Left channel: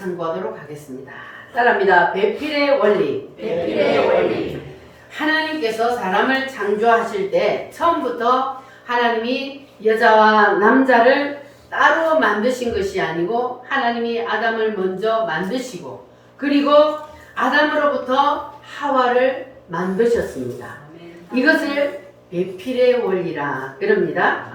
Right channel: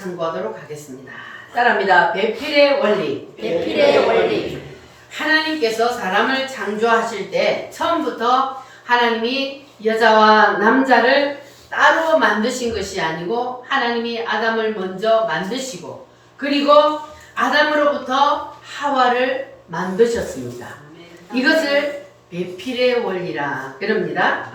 참고하도록 하겠습니다. 따라합니다. 배필의 원리. 배필의 원리. 하나님께서 사람을 창조하실 때 처음부터 하나님이 여자와 남자를 따로 만드신 것이 아니고 하나님이 아담을 먼저 만드시고 그리고 아담으로부터 하와를 만드셨습니다. 이것을 배필의 원리라 그럽니다.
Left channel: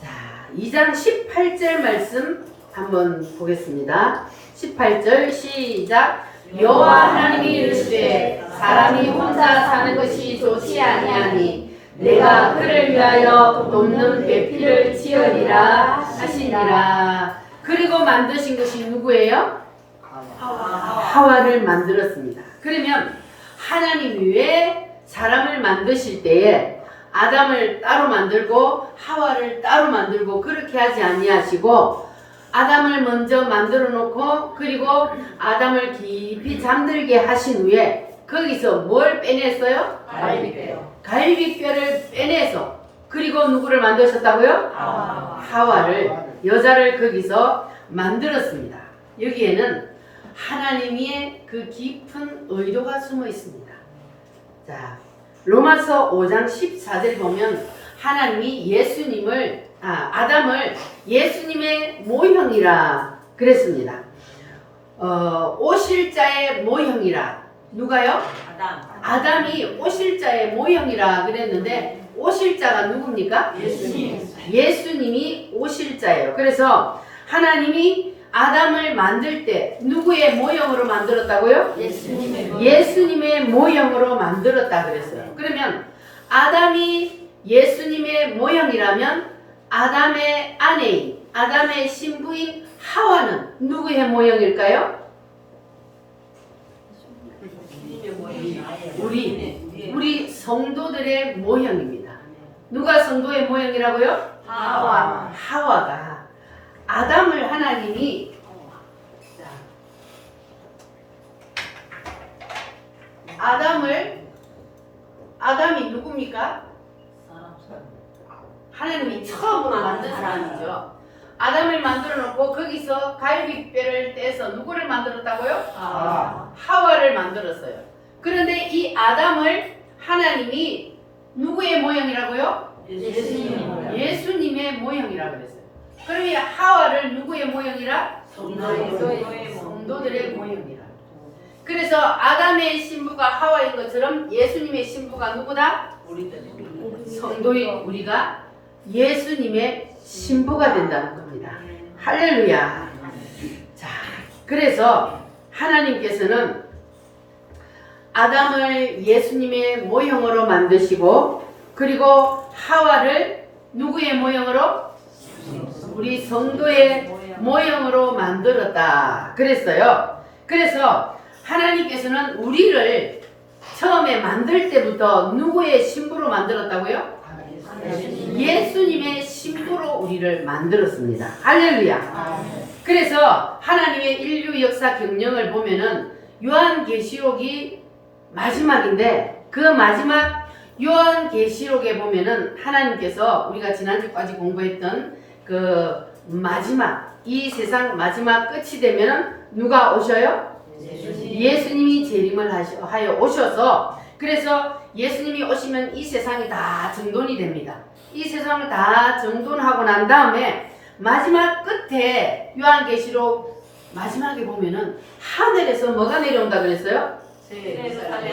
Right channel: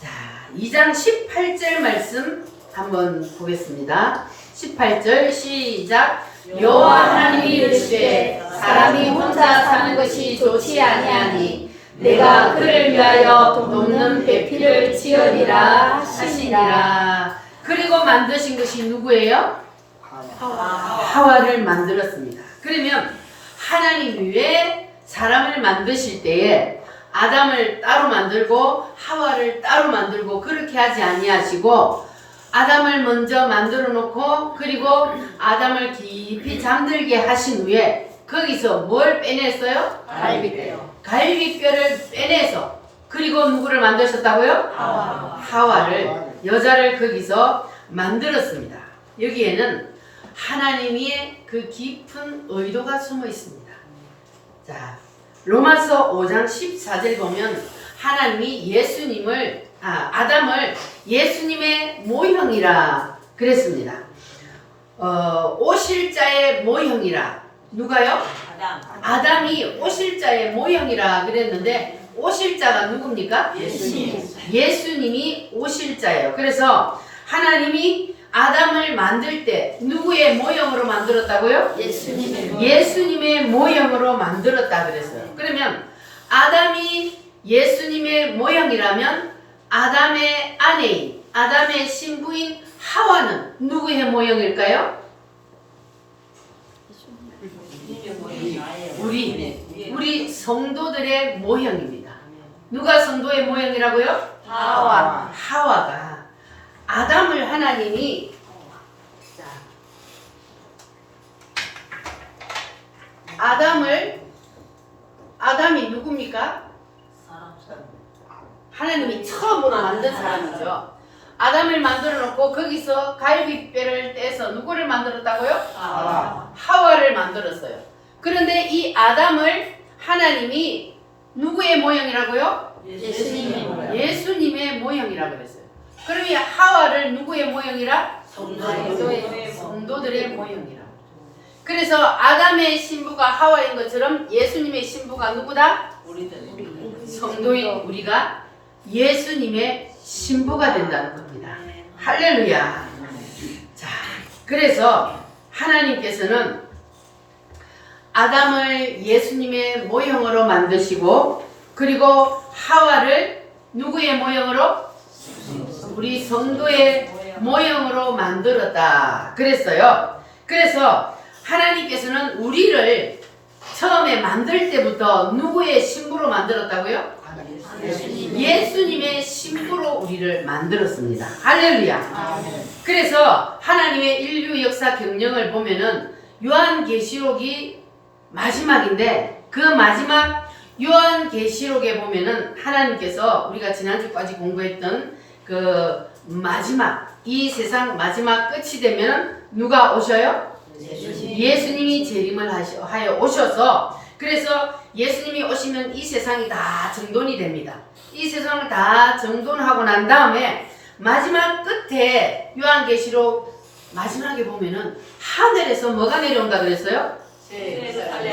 자, 2장 18절 말씀 한번 보겠습니다. 18절 시작. 여호와 하나님이 이르시되 사람이 혼자 사는 것이 좋지 아니하니 내가 그를 위하여 돕는 배필을 지으리라 하시니라. 그리고 만드신 것이 누구예요? 하와를 만들었습니다. 그러면 하나님이 왜 사람을 만드실 때에 아담을 따로 만들고 하와를 따로 만들고 그렇게 하지 아니하시고 아담을 먼저 만들어 놓고 그리고 아담을 깊이 잠들게 하신 후에 거기서 뭘 빼냈어요? 갈비뼈를 빼내서 그리고 누구를 만드셨다고요? 하와를 여자를 거기서 만들었습니다. 여기에는 하나님의 그 깊은 의도가 숨어 있습니다. 자, 로마서 5장 14절 보면 하나님이 아담을 예수님의 모형이라 그랬습니다. 오실자의 모형이라. 누가요? 아담이 오실자의 모형이라 그랬는데 오실자가 누굽니까? 예수님이 오실자예요. 그래서 하나님이 아담을 만들 때 누구의 모형으로 만들었다고요? 예수님의 모형으로 만들었다 그랬어요. 그러면 아담이 예수님의 모형이라면 아담의 아내인, 아담의 신부인 하와는 누구의 모형일까요? 우리 성도들의 모형입니다. 누가 성도의 모형이라고요? 하와가 아담을 하나님이 아담이 누굽니까? 하나님이 처음으로 만든 사람이죠. 아담을 만들어 놓고 거기서 갈비뼈를 떼서 누구를 만들었다고요? 하와를 만들었어요. 그런데 이 아담을 하나님이 누구의 모형이라고요? 예수님의 모형이라고 그랬어요. 그러면 하와를 누구의 모형이라? 성도들의 모형이라. 그래서 아담의 신부가 하와인 것처럼 예수님의 신부가 누구다? 성도인 우리가 예수님의 신부가 된다는 겁니다. 할렐루야. 자, 그래서 하나님께서는 아담을 예수님의 모형으로 만드시고 그리고 하와를 누구의 모형으로? 우리 성도의 모형으로 만들었다 그랬어요. 그래서 하나님께서는 우리를 처음에 만들 때부터 누구의 신부로 만들었다고요? 예수님의 신부로 우리를 만들었습니다. 할렐루야. 그래서 하나님의 인류 역사 경영을 보면은 요한계시록이 마지막인데 그 마지막 요한계시록에 보면은 하나님께서 우리가 지난주까지 공부했던 그 마지막 이 세상 마지막 끝이 되면은 누가 오셔요? 예수님이 재림을 하여 오셔서 그래서 예수님이 오시면 이 세상이 다 정돈이 됩니다. 이 세상을 다 정돈하고 난 다음에 마지막 끝에 요한계시록 마지막에 보면은 하늘에서 뭐가 내려온다 그랬어요?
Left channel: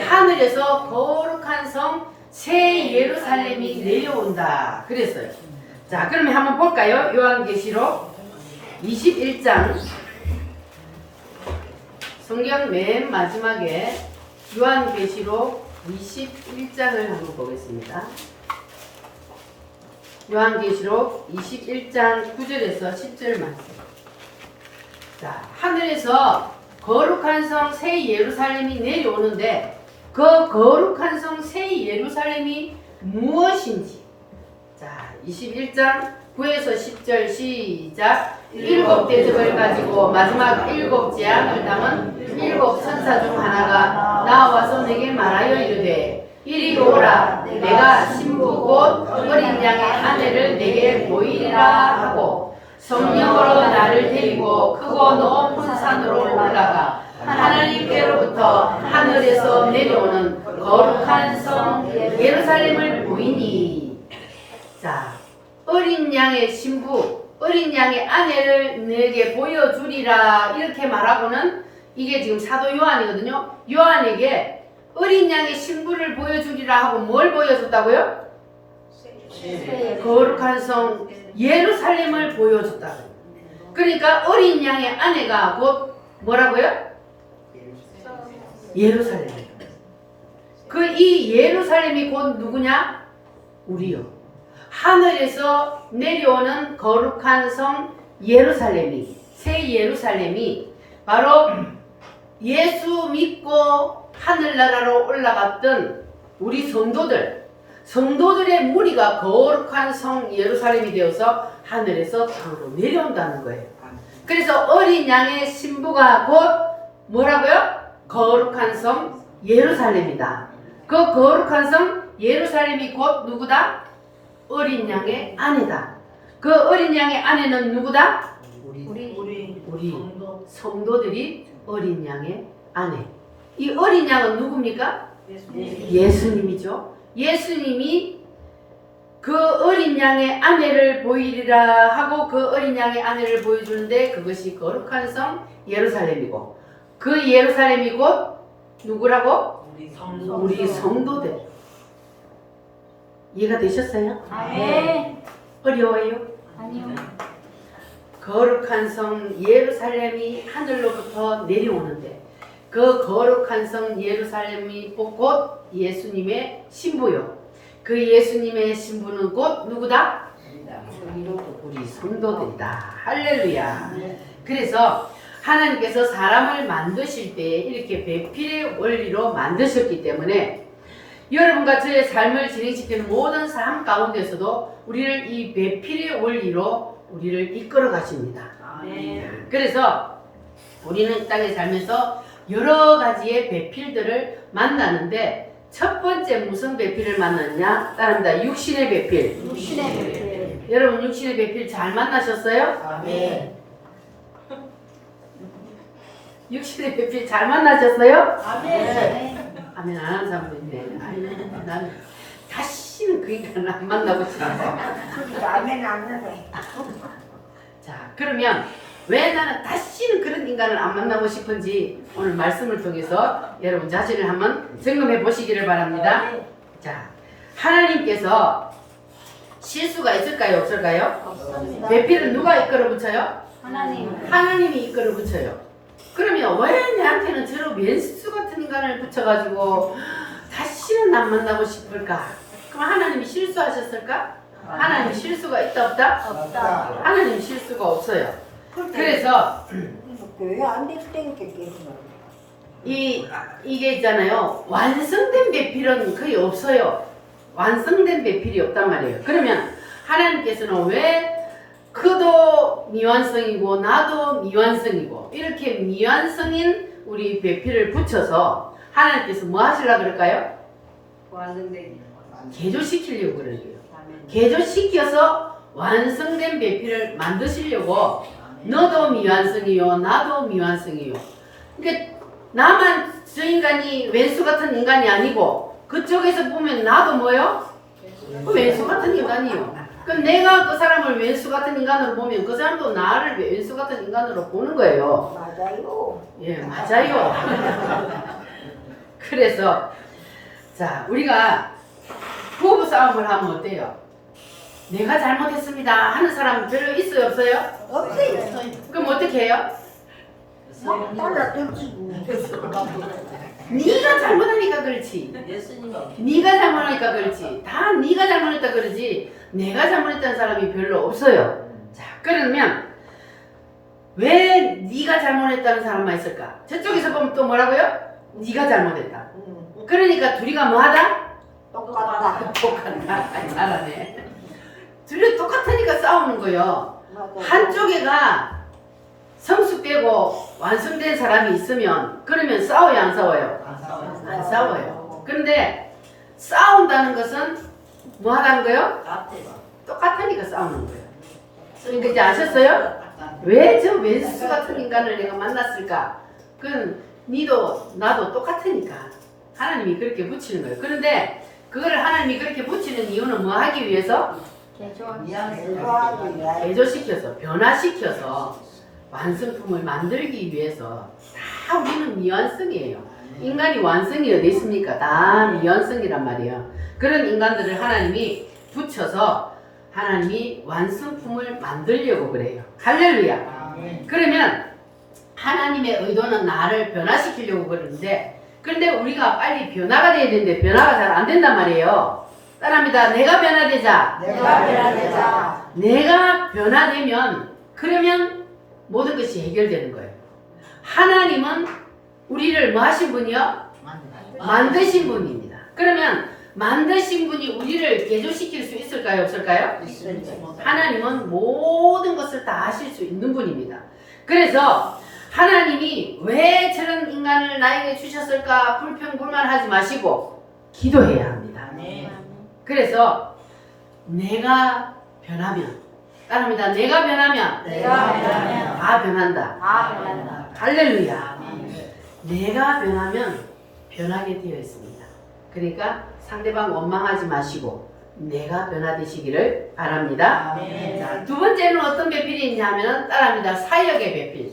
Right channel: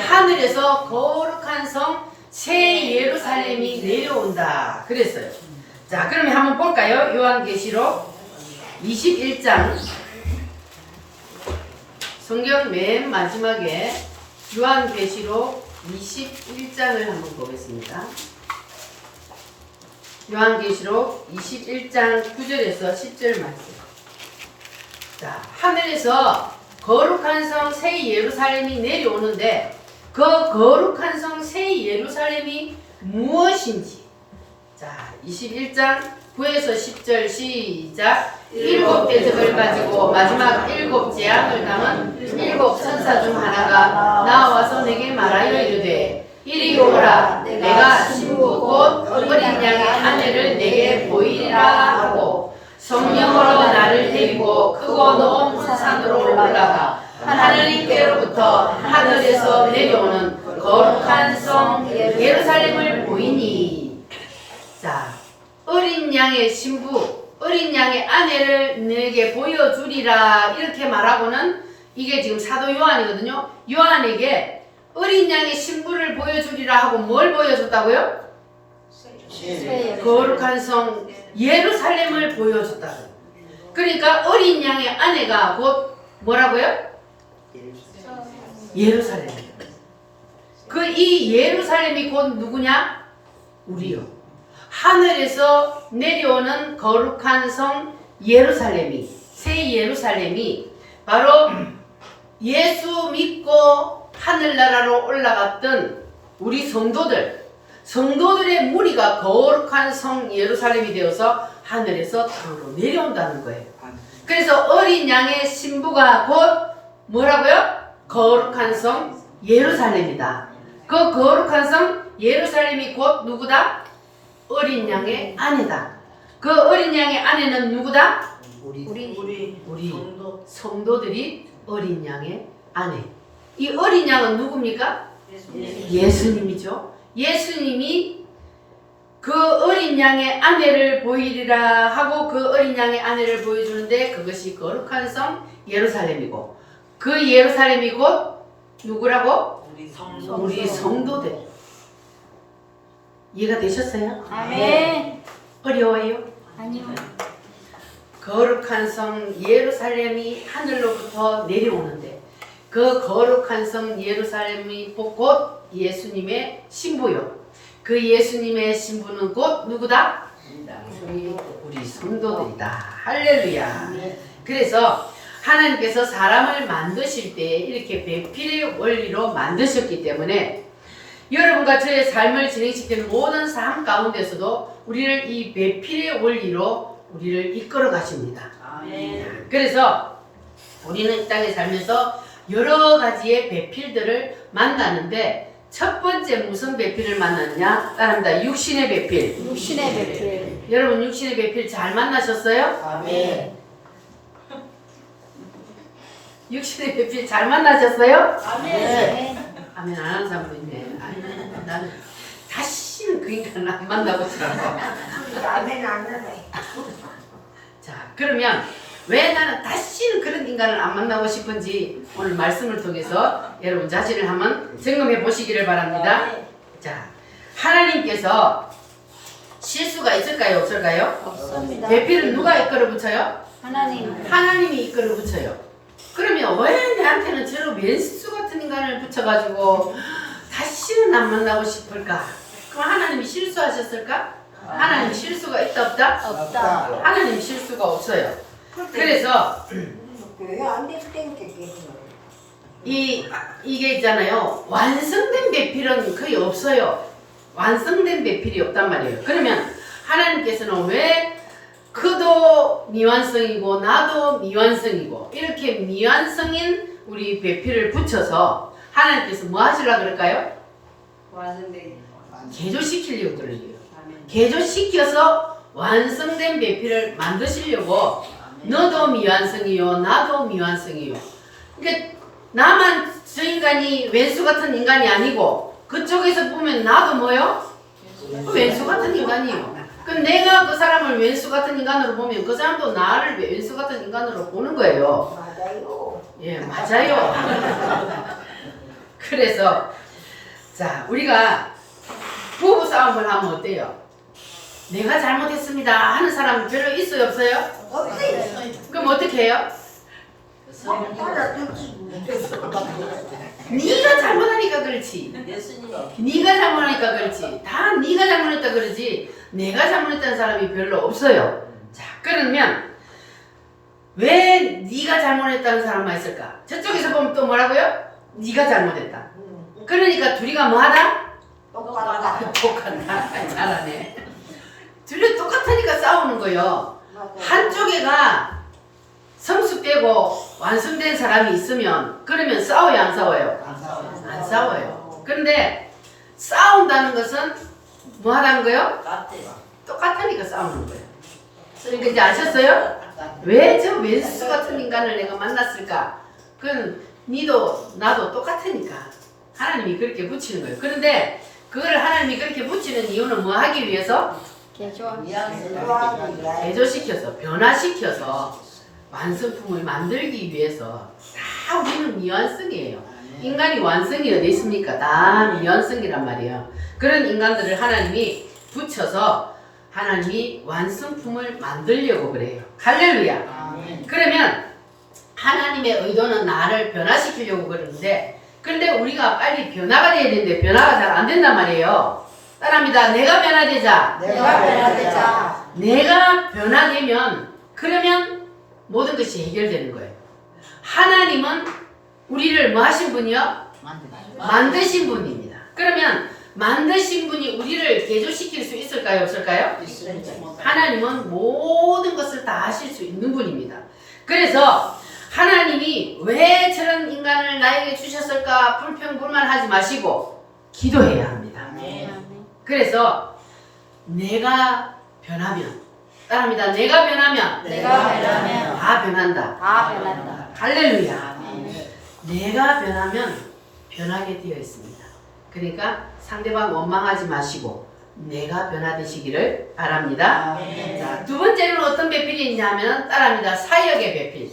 하늘에서 거룩한 성 새 예루살렘이 내려온다 그랬어요. 자, 그러면 한번 볼까요? 요한계시록 21장 성경 맨 마지막에 요한계시록 21장을 한번 보겠습니다. 요한계시록 21장 9절에서 10절 말씀. 자, 하늘에서 거룩한 성 새 예루살렘이 내려오는데 그 거룩한 성 새 예루살렘이 무엇인지. 자, 21장 9에서 10절 시작. 7 대접을 가지고 마지막 7 재앙을 담은 7 천사 중 하나가 나와서 내게 말하여 이르되 이리 오라. 내가 신부 곧 어린 양의 아내를 내게 보이리라 하고 성령으로 나를 데리고 크고 높은 산으로 올라가 하나님께로부터 하늘에서 내려오는 거룩한 성 예루살렘을 보이니. 자, 어린 양의 신부, 어린 양의 아내를 내게 보여주리라 이렇게 말하고는 이게 지금 사도 요한이거든요. 요한에게 어린 양의 신부를 보여주리라 하고 뭘 보여줬다고요? 거룩한 성 예루살렘을 보여줬다. 그러니까 어린 양의 아내가 곧 뭐라고요? 예루살렘. 그 이 예루살렘이 곧 누구냐? 우리요. 하늘에서 내려오는 거룩한 성 예루살렘이, 새 예루살렘이 바로 예수 믿고 하늘나라로 올라갔던 우리 성도들의 무리가 거룩한 성 예루살렘이 되어서 하늘에서 땅으로 내려온다는 거예요. 그래서 어린 양의 신부가 곧 뭐라고요? 거룩한 성 예루살렘이다. 그 거룩한 성 예루살렘이 곧 누구다? 어린 양의 아내다. 그 어린 양의 아내는 누구다? 우리 성도들이 어린 양의 아내. 이 어린 양은 누굽니까? 예수님이죠. 예수님이 그 어린 양의 아내를 보이리라 하고 그 어린 양의 아내를 보여주는데 그것이 거룩한 성 예루살렘이고 그 예루살렘이 곧 누구라고? 우리 성도들. 이해가 되셨어요? 네. 어려워요? 아니요. 거룩한 성 예루살렘이 하늘로부터 내려오는데 그 거룩한 성 예루살렘이 곧 예수님의 신부요. 그 예수님의 신부는 곧 누구다? 우리 성도들이다. 할렐루야. 그래서 하나님께서 사람을 만드실 때 이렇게 배필의 원리로 만드셨기 때문에 여러분과 저의 삶을 진행시키는 모든 삶 가운데서도 우리를 이 배필의 원리로 우리를 이끌어 가십니다. 그래서 우리는 이 땅에 살면서 여러 가지의 배필들을 만나는데 첫 번째 무슨 배필을 만났냐? 따릅니다. 육신의 배필. 육신의 배필. 여러분 육신의 배필 잘 만나셨어요? 아멘. 육신의 배필 잘 만나셨어요? 아멘. 아멘 안 하는 사람도 있네. 아멘, 나는 다시는 그 인간을 안 만나고 싶어서. 아멘 안 해. 자, 그러면 왜 나는 다시는 그런 인간을 안 만나고 싶은지 오늘 말씀을 통해서 여러분 자신을 한번 점검해 보시기를 바랍니다. 자, 하나님께서 실수가 있을까요? 없을까요? 없습니다. 배필은 누가 이끌어 붙여요? 하나님. 하나님이 이끌어 붙여요. 그러면 왜 내한테는 저런 왼수 같은 인간을 붙여가지고 다시는 안 만나고 싶을까? 그럼 하나님이 실수하셨을까? 하나님이 실수가 있다 없다? 없다. 하나님이 실수가 없어요. 그래서 왜안 됐던 게 이게 있잖아요. 완성된 배필은 거의 없어요. 완성된 배필이 없단 말이에요. 그러면 하나님께서는 왜 그도 미완성이고 나도 미완성이고 이렇게 미완성인 우리 배필을 붙여서 하나님께서 뭐 하시려고 그럴까요? 개조시키려고 그러요. 개조시켜서 완성된 배필을 만드시려고 너도 미완성이요 나도 미완성이요. 그러니까 나만 저 인간이 왼수 같은 인간이 아니고 그쪽에서 보면 나도 뭐요? 왼수 같은 인간이요. 그럼 내가 그 사람을 왼수 같은 인간으로 보면 그 사람도 나를 왼수 같은 인간으로 보는 거예요. 맞아요. 예, 맞아요. 그래서 자, 우리가 부부 싸움을 하면 어때요? 내가 잘못했습니다 하는 사람 별로 있어요, 없어요? 없어요. 그럼 어떻게 해요? 네가 잘못하니까 그렇지. 네가 잘못하니까 그렇지. 다 네가 잘못했다 그러지. 내가 잘못했다는 사람이 별로 없어요. 자, 그러면 왜 네가 잘못했다는 사람만 있을까? 저쪽에서 보면 또 뭐라고요? 네가 잘못했다. 그러니까 둘이가 뭐하다? 똑같다. 똑같다. 잘하네. 둘이 똑같으니까 싸우는 거예요. 한쪽에가 성숙되고 완성된 사람이 있으면 그러면 싸워요, 안 싸워요? 안 싸워요. 그런데 싸운다는 것은 뭐 하다는 거예요? 똑같으니까 싸우는 거예요. 그러니까 이제 아셨어요? 왜 저 왼수 같은 인간을 내가 만났을까? 그건 니도 나도 똑같으니까 하나님이 그렇게 붙이는 거예요. 그런데 그거를 하나님이 그렇게 붙이는 이유는 뭐 하기 위해서? 개조시켜서 변화시켜서 완성품을 만들기 위해서. 다 우리는 미완성이에요. 인간이 완성이 어디 있습니까? 다 미완성이란 말이에요. 그런 인간들을 하나님이 붙여서 하나님이 완성품을 만들려고 그래요. 할렐루야. 그러면 하나님의 의도는 나를 변화시키려고 그러는데, 그런데 우리가 빨리 변화가 돼야 되는데 변화가 잘 안 된단 말이에요. 따라합니다. 내가 변화되자. 내가 변화되면 그러면 모든 것이 해결되는 거예요. 하나님은 우리를 뭐 하신 분이요? 만드신 분입니다. 그러면 만드신 분이 우리를 개조시킬 수 있을까요? 없을까요? 하나님은 모든 것을 다 하실 수 있는 분입니다. 그래서 하나님이 왜 저런 인간을 나에게 주셨을까 불평불만하지 마시고 기도해야 합니다. 그래서 내가 변하면, 따라합니다. 내가 변하면 다 변한다. 할렐루야. 내가 변하면 변하게 되어 있습니다. 그러니까 상대방 원망하지 마시고 내가 변화되시기를 바랍니다. 자, 두 번째는 어떤 배필이 있냐면 따라합니다. 사역의 배필.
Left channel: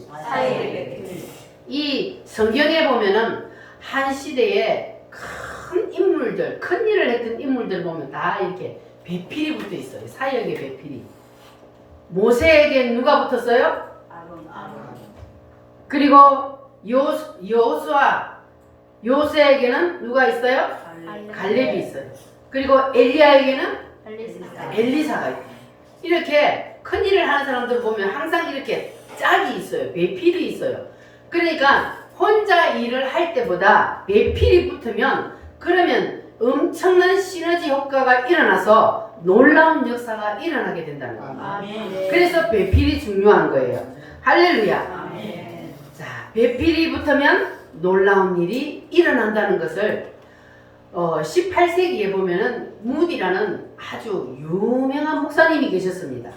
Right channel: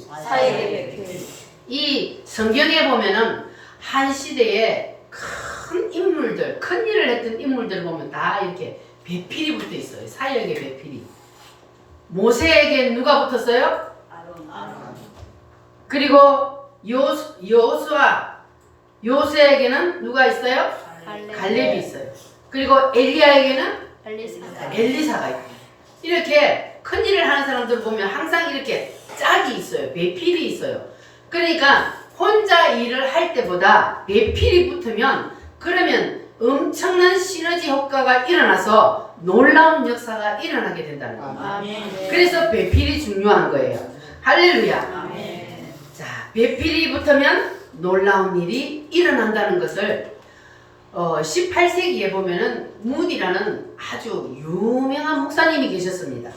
이 성경에 보면은 한 시대에 큰 인물들, 큰 일을 했던 인물들 보면 다 이렇게 배필이 붙어 있어요. 사역의 배필이. 모세에게 누가 붙었어요? 그리고 여호수아, 요새에게는 누가 있어요? 갈렙이 있어요. 그리고 엘리야에게는 엘리사가 있고. 이렇게 큰 일을 하는 사람들 보면 항상 이렇게 짝이 있어요. 배필이 있어요. 그러니까 혼자 일을 할 때보다 배필이 붙으면 그러면 엄청난 시너지 효과가 일어나서 놀라운 역사가 일어나게 된다는 겁니다. 그래서 배필이 중요한 거예요. 할렐루야. 자, 배필이 붙으면 놀라운 일이 일어난다는 것을 18세기에 보면은 무디라는 아주 유명한 목사님이 계셨습니다.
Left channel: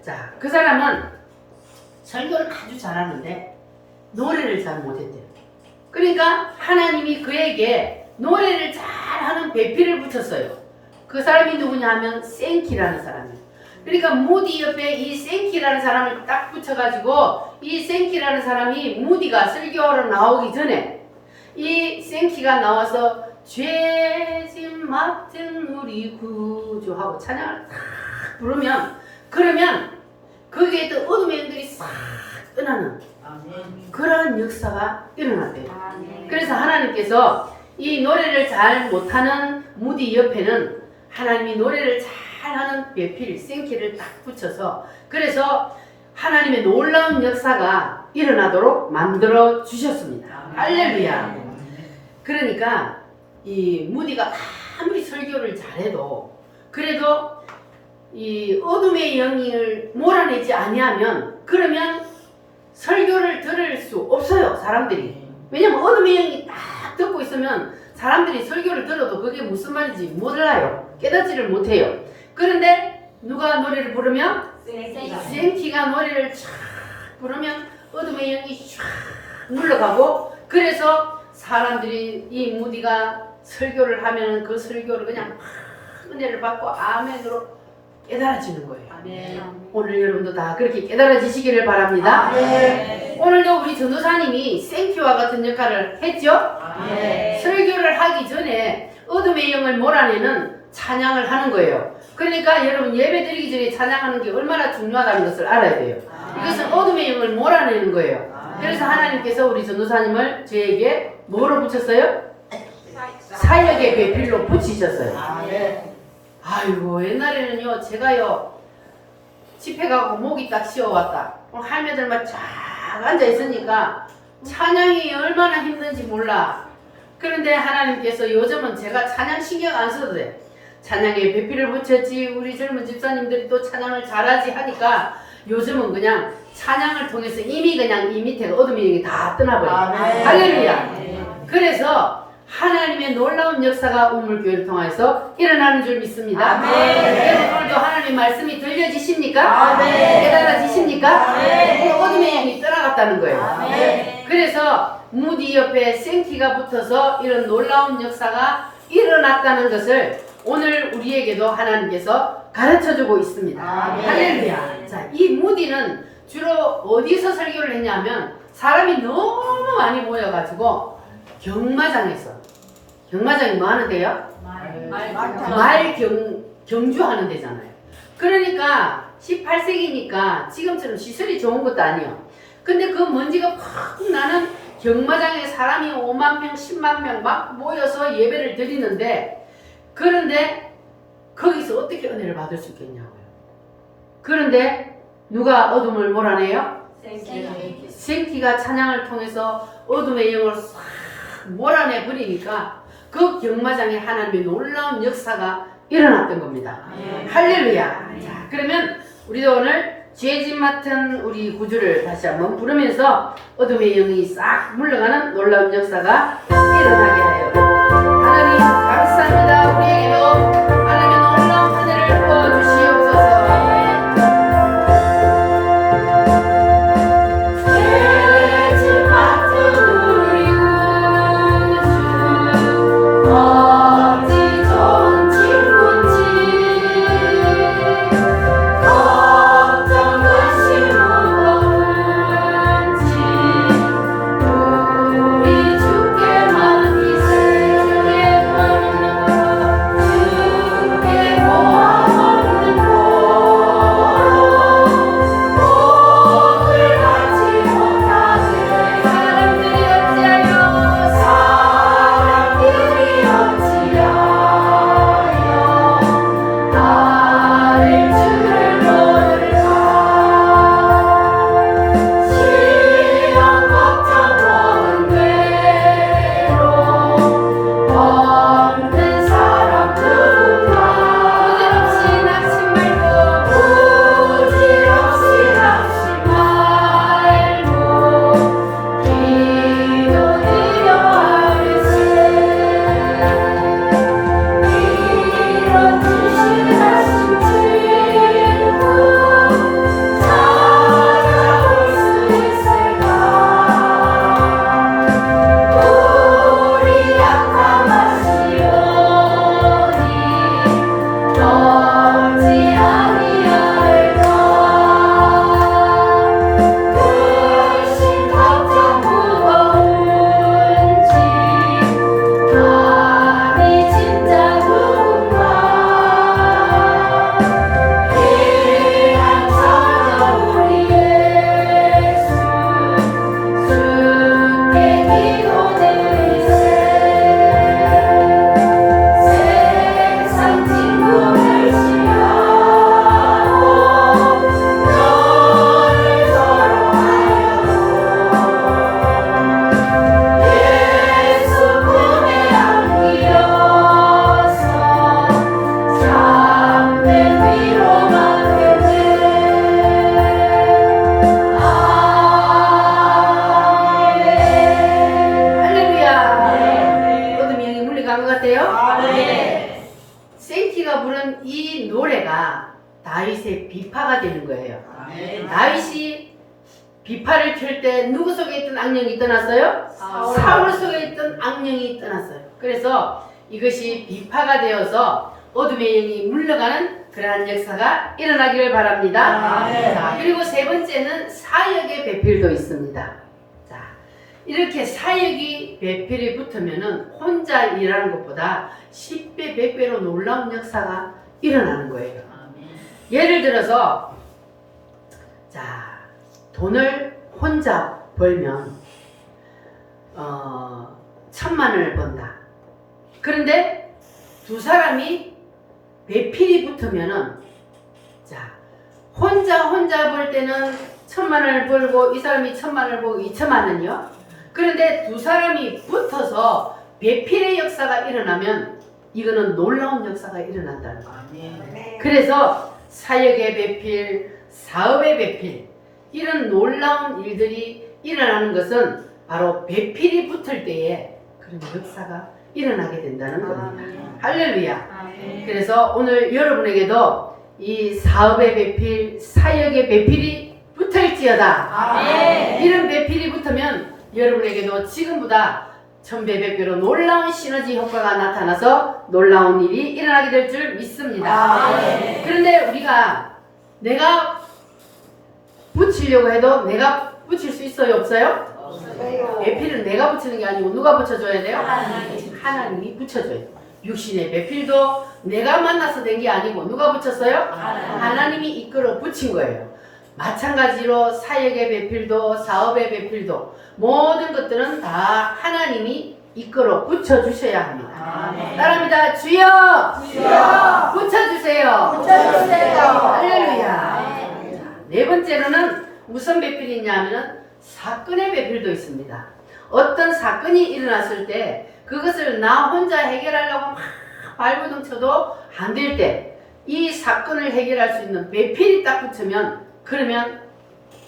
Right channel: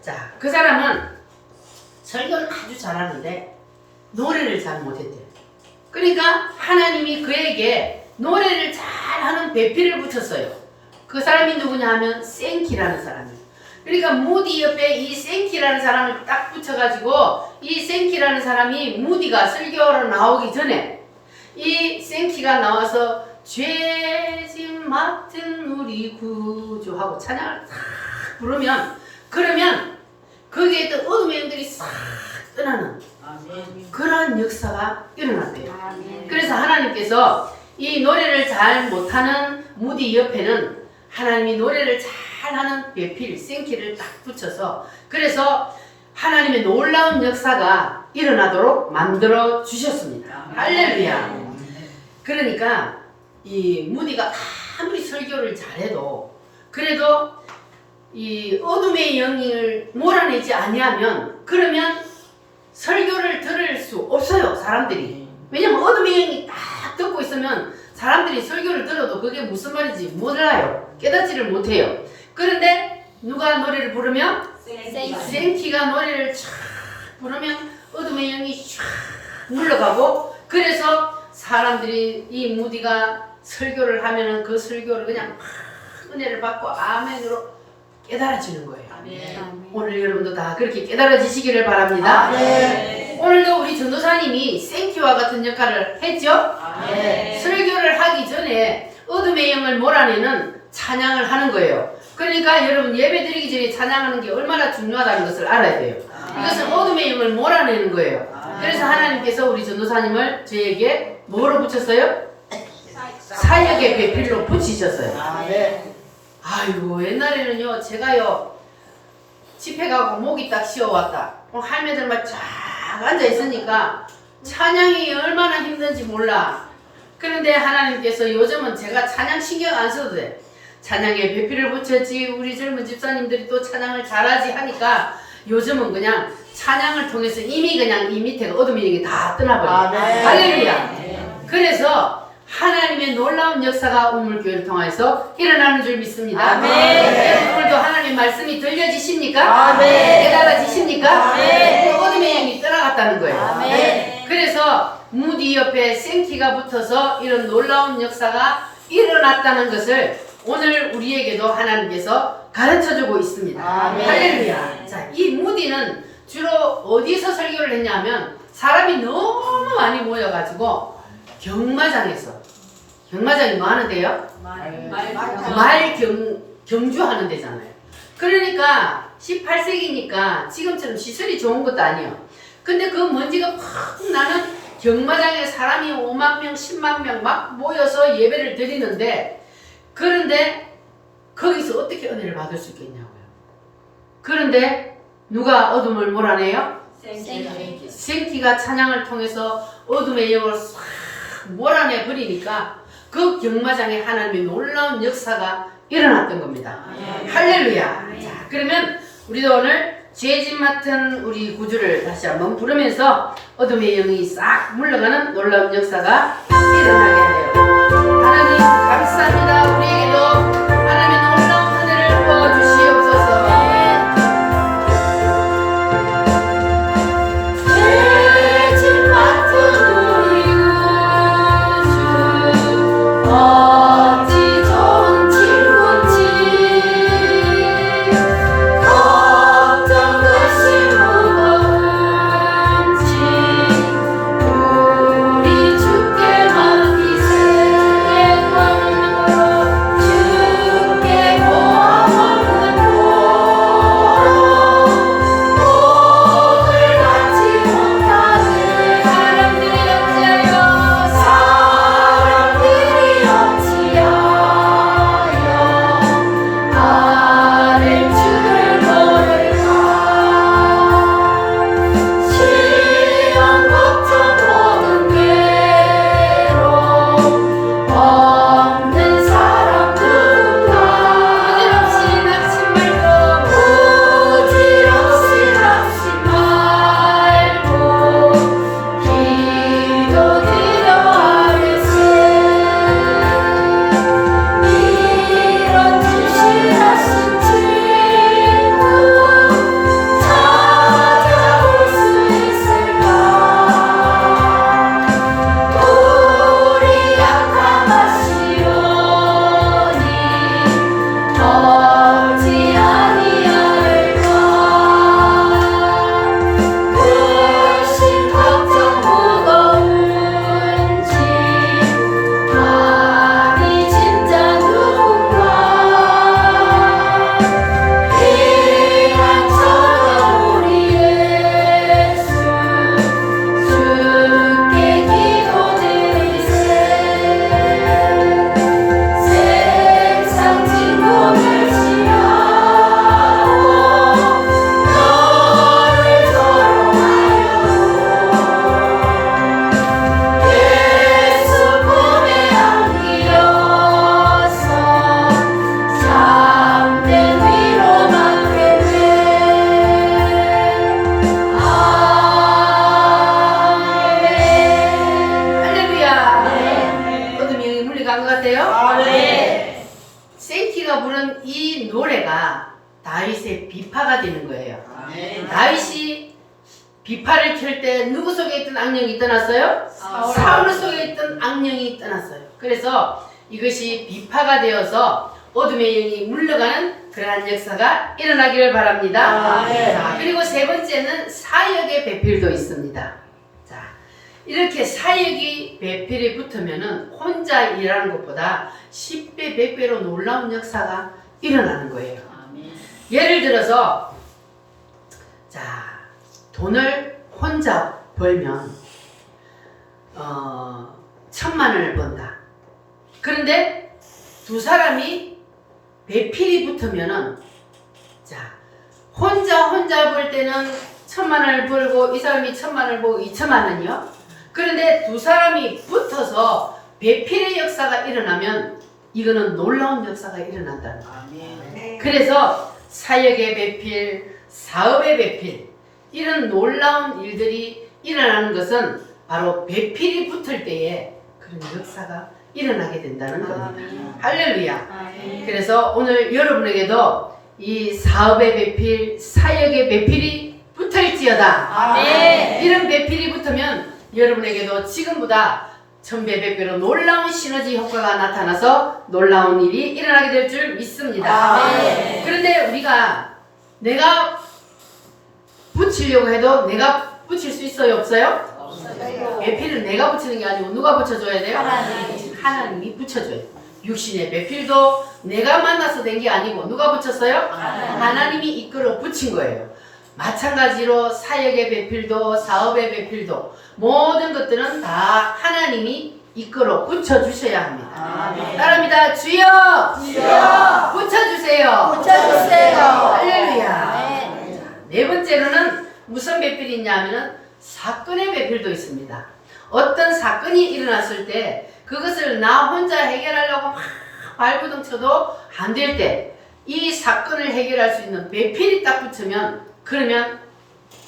자, 그 사람은 설교를 아주 잘하는데 노래를 잘 못했대요. 그러니까 하나님이 그에게 노래를 잘하는 배필을 붙였어요. 그 사람이 누구냐 하면 생키라는 사람이에요. 그러니까 무디 옆에 이 생키라는 사람을 딱 붙여가지고 이 생키라는 사람이 무디가 설교하러 나오기 전에 이 생키가 나와서 죄진 맡은 우리 구주하고 찬양을 싹 부르면 그러면 거기에 있던 어둠의 영들이 싹 떠나는 그런 역사가 일어났대요. 그래서 하나님께서 이 노래를 잘 못하는 무디 옆에는 하나님이 노래를 잘하는 배필, 생키를 딱 붙여서 그래서 하나님의 놀라운 역사가 일어나도록 만들어 주셨습니다. 할렐루야. 그러니까 이 무디가 아무리 설교를 잘해도 그래도 이 어둠의 영을 몰아내지 아니하면 그러면 설교를 들을 수 없어요. 사람들이. 왜냐면 어둠의 영이 딱 듣고 있으면 사람들이 설교를 들어도 그게 무슨 말인지 몰라요. 깨닫지를 못해요. 그런데 누가 노래를 부르면 생키가 노래를 쫙 부르면 어둠의 영이 쫙 물러가고 그래서 사람들이 이 무디가 설교를 하면은 그 설교를 그냥 막 은혜를 받고 아멘으로 깨달아지는 거예요. 오늘 여러분도 다 그렇게 깨달아지시기를 바랍니다. 오늘도 우리 전도사님이 생키와 같은 역할을 했죠. 설교를 하기 전에 어둠의 영을 몰아내는 찬양을 하는 거예요. 그러니까 여러분 예배 드리기 전에 찬양하는 게 얼마나 중요하다는 것을 알아야 돼요. 이것은 어둠의 영을 몰아내는 거예요. 그래서 하나님께서 우리 전도사님을 저에게 뭐로 붙였어요? 사역의 배필로 붙이셨어요. 아이고 옛날에는요 제가요 집회 가고 목이 딱 쉬어왔다. 할매들만 쫙 앉아 있으니까 찬양이 얼마나 힘든지 몰라. 그런데 하나님께서 요즘은 제가 찬양 신경 안 써도 돼. 찬양에 배필을 붙였지 우리 젊은 집사님들이 또 찬양을 잘하지 하니까 요즘은 그냥 찬양을 통해서 이미 그냥 이 밑에 어둠의 영이 다 떠나버려요. 할렐루야. 그래서 하나님의 놀라운 역사가 역사가 우물교회를 통해서 일어나는 줄 믿습니다. 아멘. 오늘도 하나님의 말씀이 들려지십니까? 아멘. 깨달아지십니까? 아멘. 어둠의 영이 떠나갔다는 거예요. 아멘. 그래서 무디 옆에 생기가 붙어서 이런 놀라운 역사가 일어났다는 것을 오늘 우리에게도 하나님께서 가르쳐주고 있습니다. 아멘. 할렐루야. 자, 이 무디는 주로 어디서 설교를 했냐면 사람이 너무 많이 모여가지고 경마장이 뭐 하는 데요? 경주하는 데잖아요. 그러니까 18세기니까 지금처럼 시설이 좋은 것도 아니에요. 근데 그 먼지가 팍 나는 경마장에 사람이 5만 명, 10만 명 막 모여서 예배를 드리는데, 그런데 거기서 어떻게 은혜를 받을 수 있겠냐고요. 그런데 누가 어둠을 몰아내요? 생기가 찬양을 통해서 어둠의 영을 싹 몰아내 버리니까 그 경마장에 하나님의 놀라운 역사가 일어났던 겁니다. 할렐루야. 자, 그러면 우리도 오늘 죄짐 맡은 우리 구주를 다시 한번 부르면서 어둠의 영이 싹 물러가는 놀라운 역사가 일어나게 해요. 하나님 감사합니다. 우리에게도 하나님의 놀라운 은혜를 부어주시옵소서. 죄짐 맡은 우리 구주 어찌 좋은 친구인지 걱정 의심 무거운지 우리 주께 맡기세. 주께 구하는 주께 모아먹는 복을 받지 못하네. 사람들이 어찌하여 아랠 주를 노래가 시험 걱정 모든 괴로움 없는 사람 누군가 부질없이 낙심 말고 기도드려 하겠지. 이런 주시하신 친구 찾아올 수 있을까? 우리 약한 마시오니 어찌 아니할까? 근심 걱정 무거운지 아니 진짜 누군가 희망처럼 우리 예수 주께 기도드리세. 세상 친구 결심하고 너를 서러하여 예수 품에 안기어서 참된 위로 받게 할렐루야. 어둠이 영이 물러간 것 같아요? 생키가 부른 이 노래가 다윗의 비파가 되는 거예요. 다윗이 비파를 켤 때 누구 속에 있던 악령이 떠났어요? 사울 속에 있던 악령이 떠났어요. 그래서 이것이 비파가 되어서 어둠의 영이 물러가는 그러한 역사가 일어나기를 바랍니다. 자, 그리고 세 번째는 사역의 배필도 있습니다. 자, 이렇게 사역이 배필이 붙으면은 혼자 일하는 것보다 10배, 100배로 놀라운 역사가 일어나는 거예요. 예를 들어서 자, 돈을 혼자 벌면 1,000만 원을 번다. 그런데 두 사람이 배필이 붙으면은 자, 혼자 벌 때는 1,000만 원을 벌고 이 사람이 1,000만 원을 벌고 2,000만 원이요. 그런데 두 사람이 붙어서 배필의 역사가 일어나면 이거는 놀라운 역사가 일어난다는 거예요. 그래서 사역의 배필, 사업의 배필, 이런 놀라운 일들이 일어나는 것은 바로 배필이 붙을 때에 그런 역사가 일어나게 된다는 겁니다. 할렐루야. 그래서 오늘 여러분에게도 이 사업의 배필, 사역의 배필이 붙을지어다. 이런 배필이 붙으면 여러분에게도 지금보다 천배백배로 놀라운 시너지 효과가 나타나서 놀라운 일이 일어나게 될 줄 믿습니다. 그런데 우리가 내가 붙이려고 해도 내가 붙일 수 있어요? 없어요? 배필은 내가 붙이는 게 아니고 누가 붙여줘야 돼요? 하나님이 붙여줘요. 육신의 배필도 내가 만나서 된 게 아니고 누가 붙였어요? 하나님이 이끌어 붙인 거예요. 마찬가지로 사역의 배필도 사업의 배필도 모든 것들은 다 하나님이 이끌어 붙여주셔야 합니다. 따라합니다. 주여! 주여! 붙여주세요. 붙여주세요. 할렐루야. 네 번째로는 무슨 배필이 있냐면은 사건의 배필도 있습니다. 어떤 사건이 일어났을 때 그것을 나 혼자 해결하려고 막 발버둥 쳐도 안 될 때 이 사건을 해결할 수 있는 배필이 딱 붙으면 그러면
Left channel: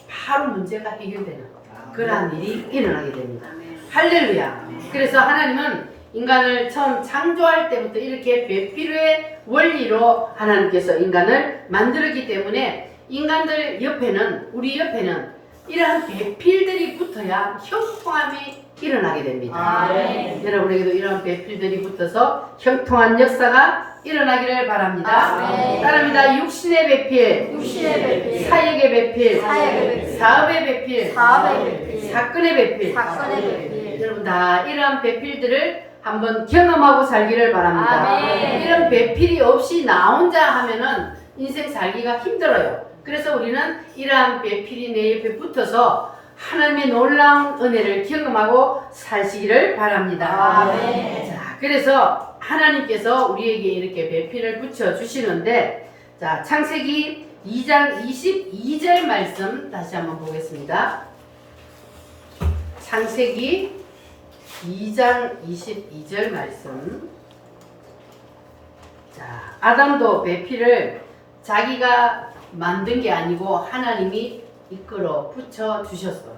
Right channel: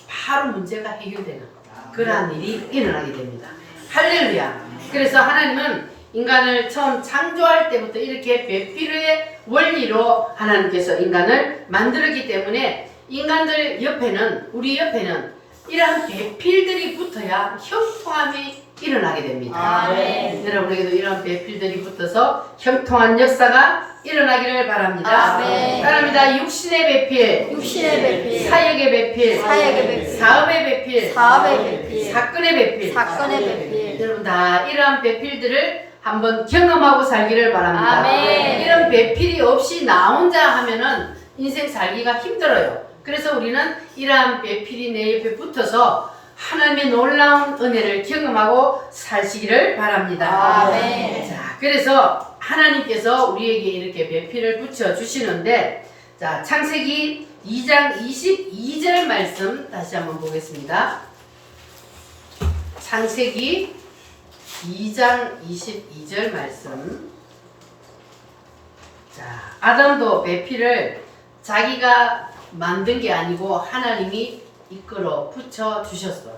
바로 문제가 해결되는 그러한 일이 일어나게 됩니다. 할렐루야. 그래서 하나님은 인간을 처음 창조할 때부터 이렇게 배필의 원리로 하나님께서 인간을 만들었기 때문에 인간들 옆에는 우리 옆에는 이러한 배필들이 붙어야 형통함이 일어나게 됩니다. 여러분에게도 이런 배필들이 붙어서 형통한 역사가 일어나기를 바랍니다. 따라합니다. 육신의 배필, 육신의 배필, 사역의 배필, 사역의 배필, 사업의 배필, 사업의 배필, 사건의 배필. 사건의 배필. 여러분 다 이러한 배필들을 한번 경험하고 살기를 바랍니다. 아멘. 이런 배필이 없이 나 혼자 하면은 인생 살기가 힘들어요. 그래서 우리는 이러한 배필이 내 옆에 붙어서 하나님의 놀라운 은혜를 경험하고 사시기를 바랍니다. 아멘. 자, 그래서 하나님께서 우리에게 이렇게 배필을 붙여 주시는데, 자, 창세기 2장 22절 말씀 다시 한번 보겠습니다. 창세기 2장 22절 말씀. 자, 아담도 배필을 자기가 만든 게 아니고 하나님이 이끌어 붙여 주셨어.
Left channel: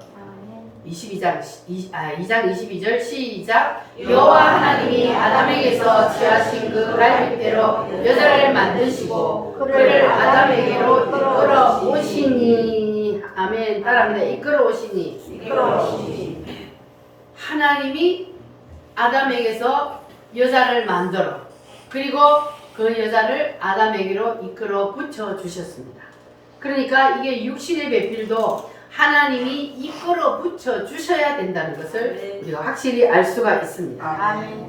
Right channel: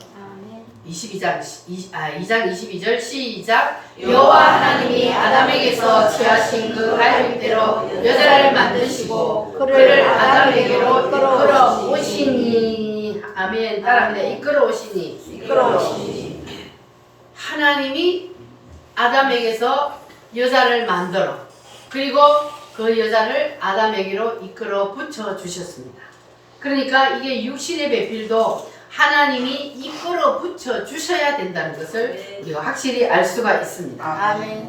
2장 22절 시작. 여호와 하나님이 아담에게서 취하신 그 갈빗대로 여자를 만드시고 그를 아담에게로 이끌어 오시니. 아멘. 따라합니다. 이끌어 오시니. 하나님이 아담에게서 여자를 만들어 그리고 그 여자를 아담에게로 이끌어 붙여 주셨습니다. 그러니까 이게 육신의 배필도 하나님이 이끌어 붙여 주셔야 된다는 것을 우리가 확실히 알 수가 있습니다. 아멘.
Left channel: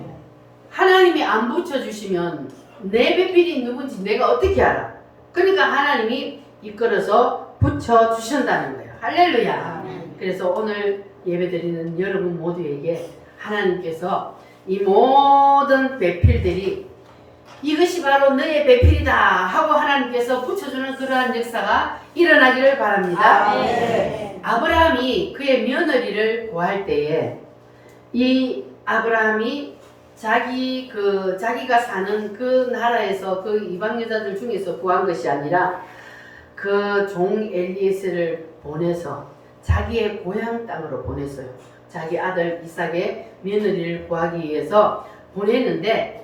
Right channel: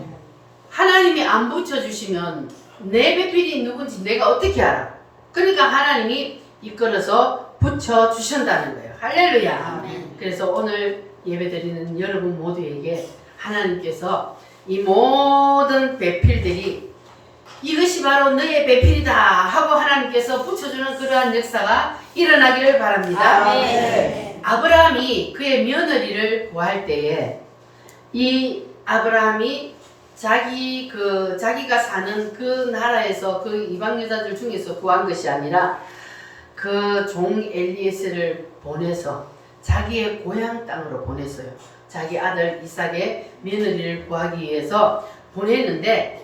하나님이 안 붙여 주시면 내 배필이 누군지 내가 어떻게 알아? 그러니까 하나님이 이끌어서 붙여 주신다는 거예요. 할렐루야. 그래서 오늘 예배드리는 여러분 모두에게 하나님께서 이 모든 배필들이 이것이 바로 너의 배필이다 하고 하나님께서 붙여주는 그러한 역사가 일어나기를 바랍니다. 아브라함이 그의 며느리를 구할 때에 이 아브라함이 자기가 사는 그 나라에서 그 이방 여자들 중에서 구한 것이 아니라 그 종 엘리에셀을 보내서 자기의 고향 땅으로 보냈어요. 자기 아들 이삭의 며느리를 구하기 위해서 보냈는데,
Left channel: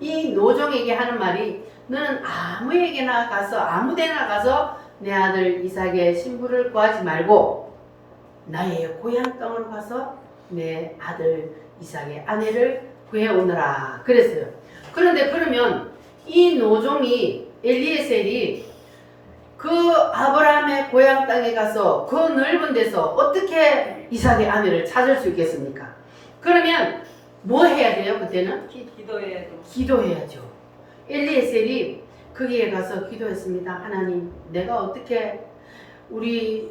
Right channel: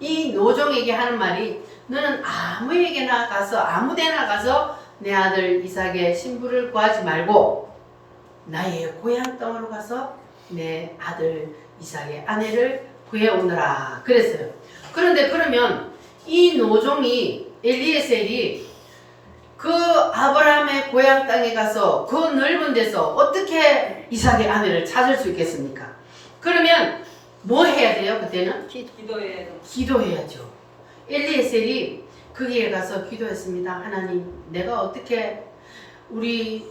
이 노종에게 하는 말이 너는 아무에게나 가서 아무데나 가서 내 아들 이삭의 신부를 구하지 말고 나의 고향 땅으로 가서 내 아들 이삭의 아내를 구해오너라 그랬어요. 그런데 그러면 이 노종이 엘리에셀이 그 아브라함의 고향 땅에 가서 그 넓은 데서 어떻게 이삭의 아내를 찾을 수 있겠습니까? 그러면 뭐 해야 돼요? 그때는? 기도해야죠. 엘리에셀이 거기에 가서 기도했습니다. 하나님, 내가 어떻게 우리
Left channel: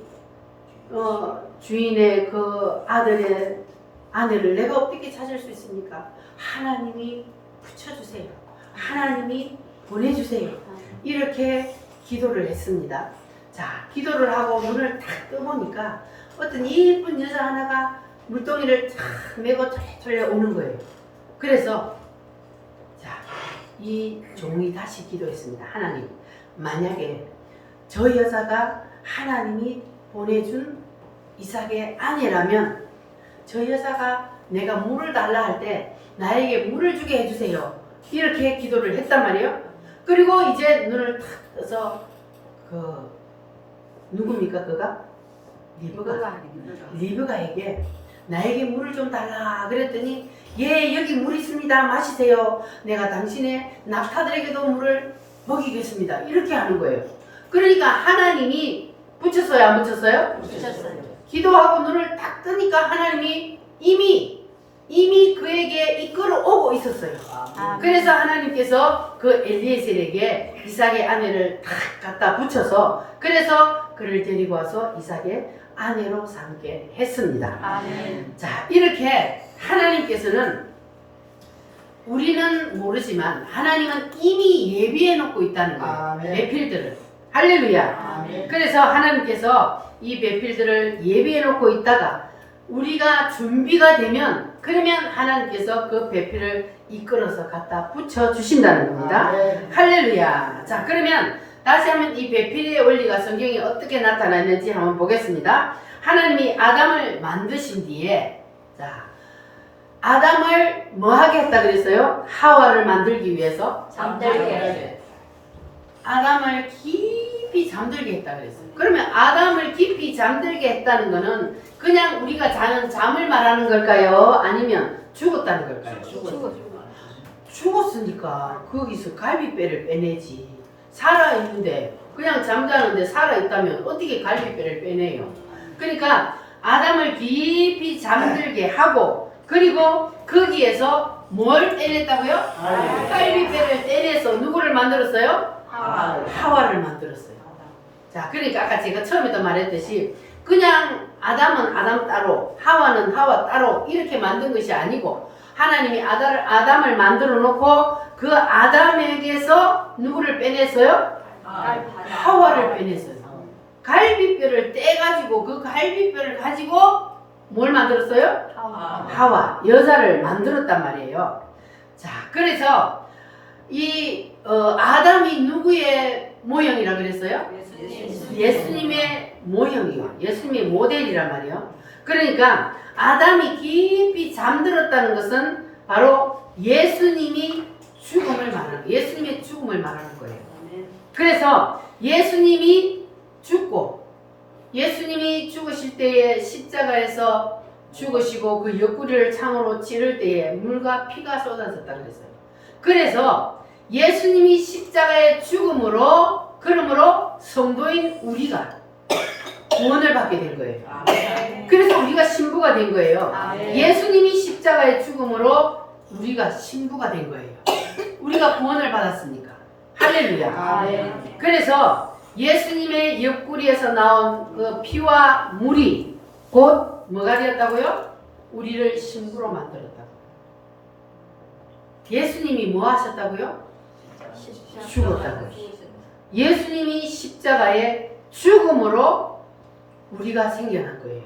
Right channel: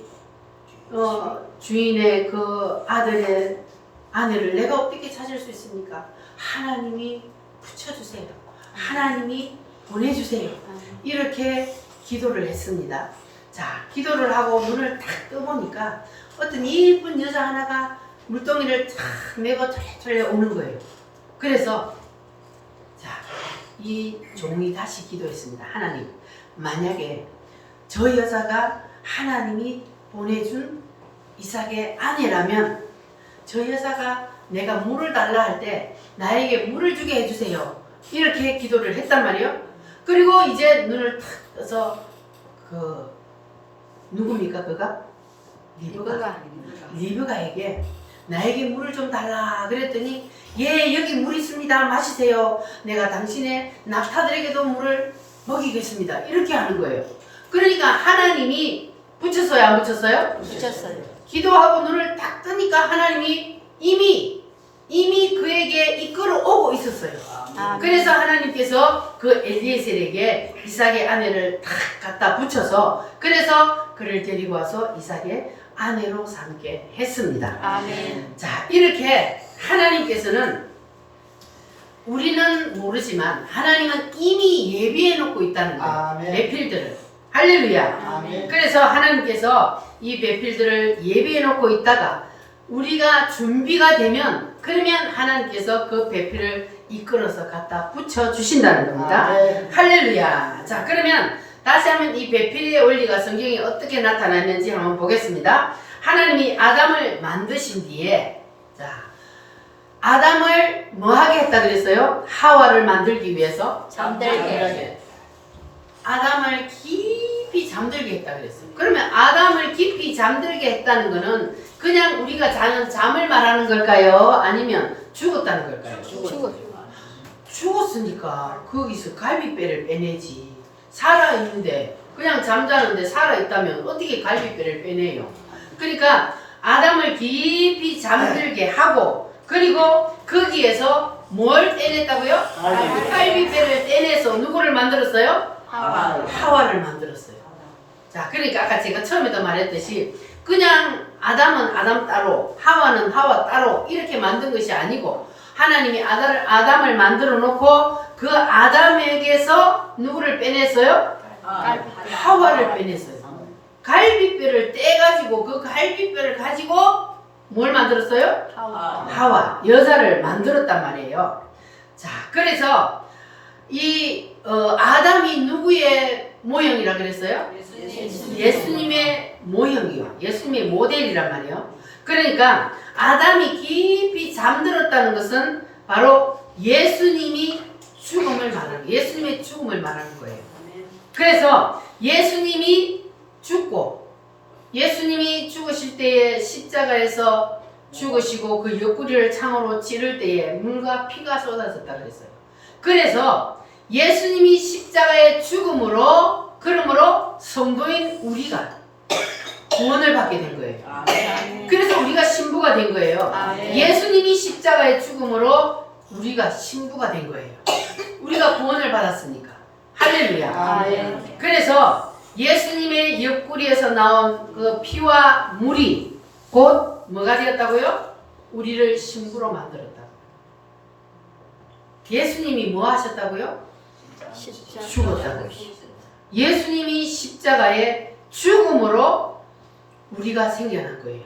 주인의 그 아들의 아내를 내가 어떻게 찾을 수 있습니까? 하나님이 붙여주세요. 하나님이 보내주세요. 이렇게 기도를 했습니다. 자, 기도를 하고 문을 탁 떠보니까 어떤 예쁜 여자 하나가 물동이를 탁 메고 쫄래 오는 거예요. 그래서 자, 이 종이 다시 기도했습니다. 하나님, 만약에 저 여자가 하나님이 보내준 이삭의 아내라면 저 여자가 내가 물을 달라 할 때 나에게 물을 주게 해주세요. 이렇게 기도를 했단 말이에요. 그리고 이제 눈을 탁 떠서 그 누굽니까 그가? 리브가에게 나에게 물을 좀 달라 그랬더니 예 여기 물 있습니다 마시세요. 내가 당신의 낙타들에게도 물을 먹이겠습니다. 이렇게 하는 거예요. 그러니까 하나님이 붙였어요 안 붙였어요? 붙였어요. 기도하고 눈을 딱 뜨니까 하나님이 이미 그에게 이끌어 오고 있었어요. 그래서 하나님께서 그 엘리에셀에게 이삭의 아내를 탁 갖다 붙여서 그래서 그를 데리고 와서 이삭의 아내로 삼게 했습니다. 아멘. 자, 이렇게 하나님께서는 우리는 모르지만 하나님은 이미 예비해 놓고 있다는 거예요. 아멘. 배필들을. 할렐루야. 아멘. 그래서 하나님께서 이 배필들을 예비해 놓고 있다가 우리가 준비가 되면 그러면 하나님께서 그 배필을 이끌어서 갖다 붙여 주신다는 겁니다. 아멘. 할렐루야. 자, 그러면 다시 한번 이 배필의 원리가 성경에 어떻게 나타났는지 한번 보겠습니다. 하나님이 아담을 만드신 뒤에 자, 아담을 뭐 하게 했다 그랬어요? 하와를 만들기 위해서 잠들게. 아담을 깊이 잠들게 했다 그랬어요. 그러면 아담을 깊이 잠들게 했다는 거는 그냥 우리가 자는 잠을 말하는 걸까요? 아니면 죽었다는 걸까요? 죽었으니까 거기서 갈비뼈를 빼내지. 살아있는데 그냥 잠자는데 살아있다면 어떻게 갈비뼈를 빼내요? 그러니까 아담을 깊이 잠들게 하고 그리고 거기에서 뭘 떼냈다고요? 갈비뼈를 떼내서 누구를 만들었어요? 하와를 만들었어요. 자, 그러니까 아까 제가 처음에도 말했듯이 그냥 아담은 아담 따로 하와는 하와 따로 이렇게 만든 것이 아니고 하나님이 아담을 만들어 놓고 그 아담에게서 누구를 빼냈어요? 하와를 빼냈어요. 갈비뼈를 떼가지고 그 갈비뼈를 가지고 뭘 만들었어요? 하와, 여자를 만들었단 말이에요. 자, 그래서 이 아담이 누구의 모형이라 그랬어요? 예수님의 모형이요. 예수님의 모델이란 말이에요. 그러니까 아담이 깊이 잠들었다는 것은 바로 예수님이 죽음을 말하는 거예요. 예수님의 죽음을 말하는 거예요. 그래서 예수님이 죽고 예수님이 죽으실 때에 십자가에서 죽으시고 그 옆구리를 창으로 찌를 때에 물과 피가 쏟아졌다 그랬어요. 그래서 예수님이 십자가의 죽음으로 그러므로 성도인 우리가 구원을 받게 된 거예요. 그래서 우리가 신부가 된 거예요. 예수님이 십자가의 죽음으로 우리가 신부가 된 거예요. 우리가 구원을 받았으니까. 할렐루야. 그래서 예수님의 옆구리에서 나온 그 피와 물이 곧 뭐가 되었다고요? 우리를 신부로 만들었다고. 예수님이 뭐 하셨다고요? 죽었다고요. 예수님이 십자가의 죽음으로 우리가 생겨난 거예요.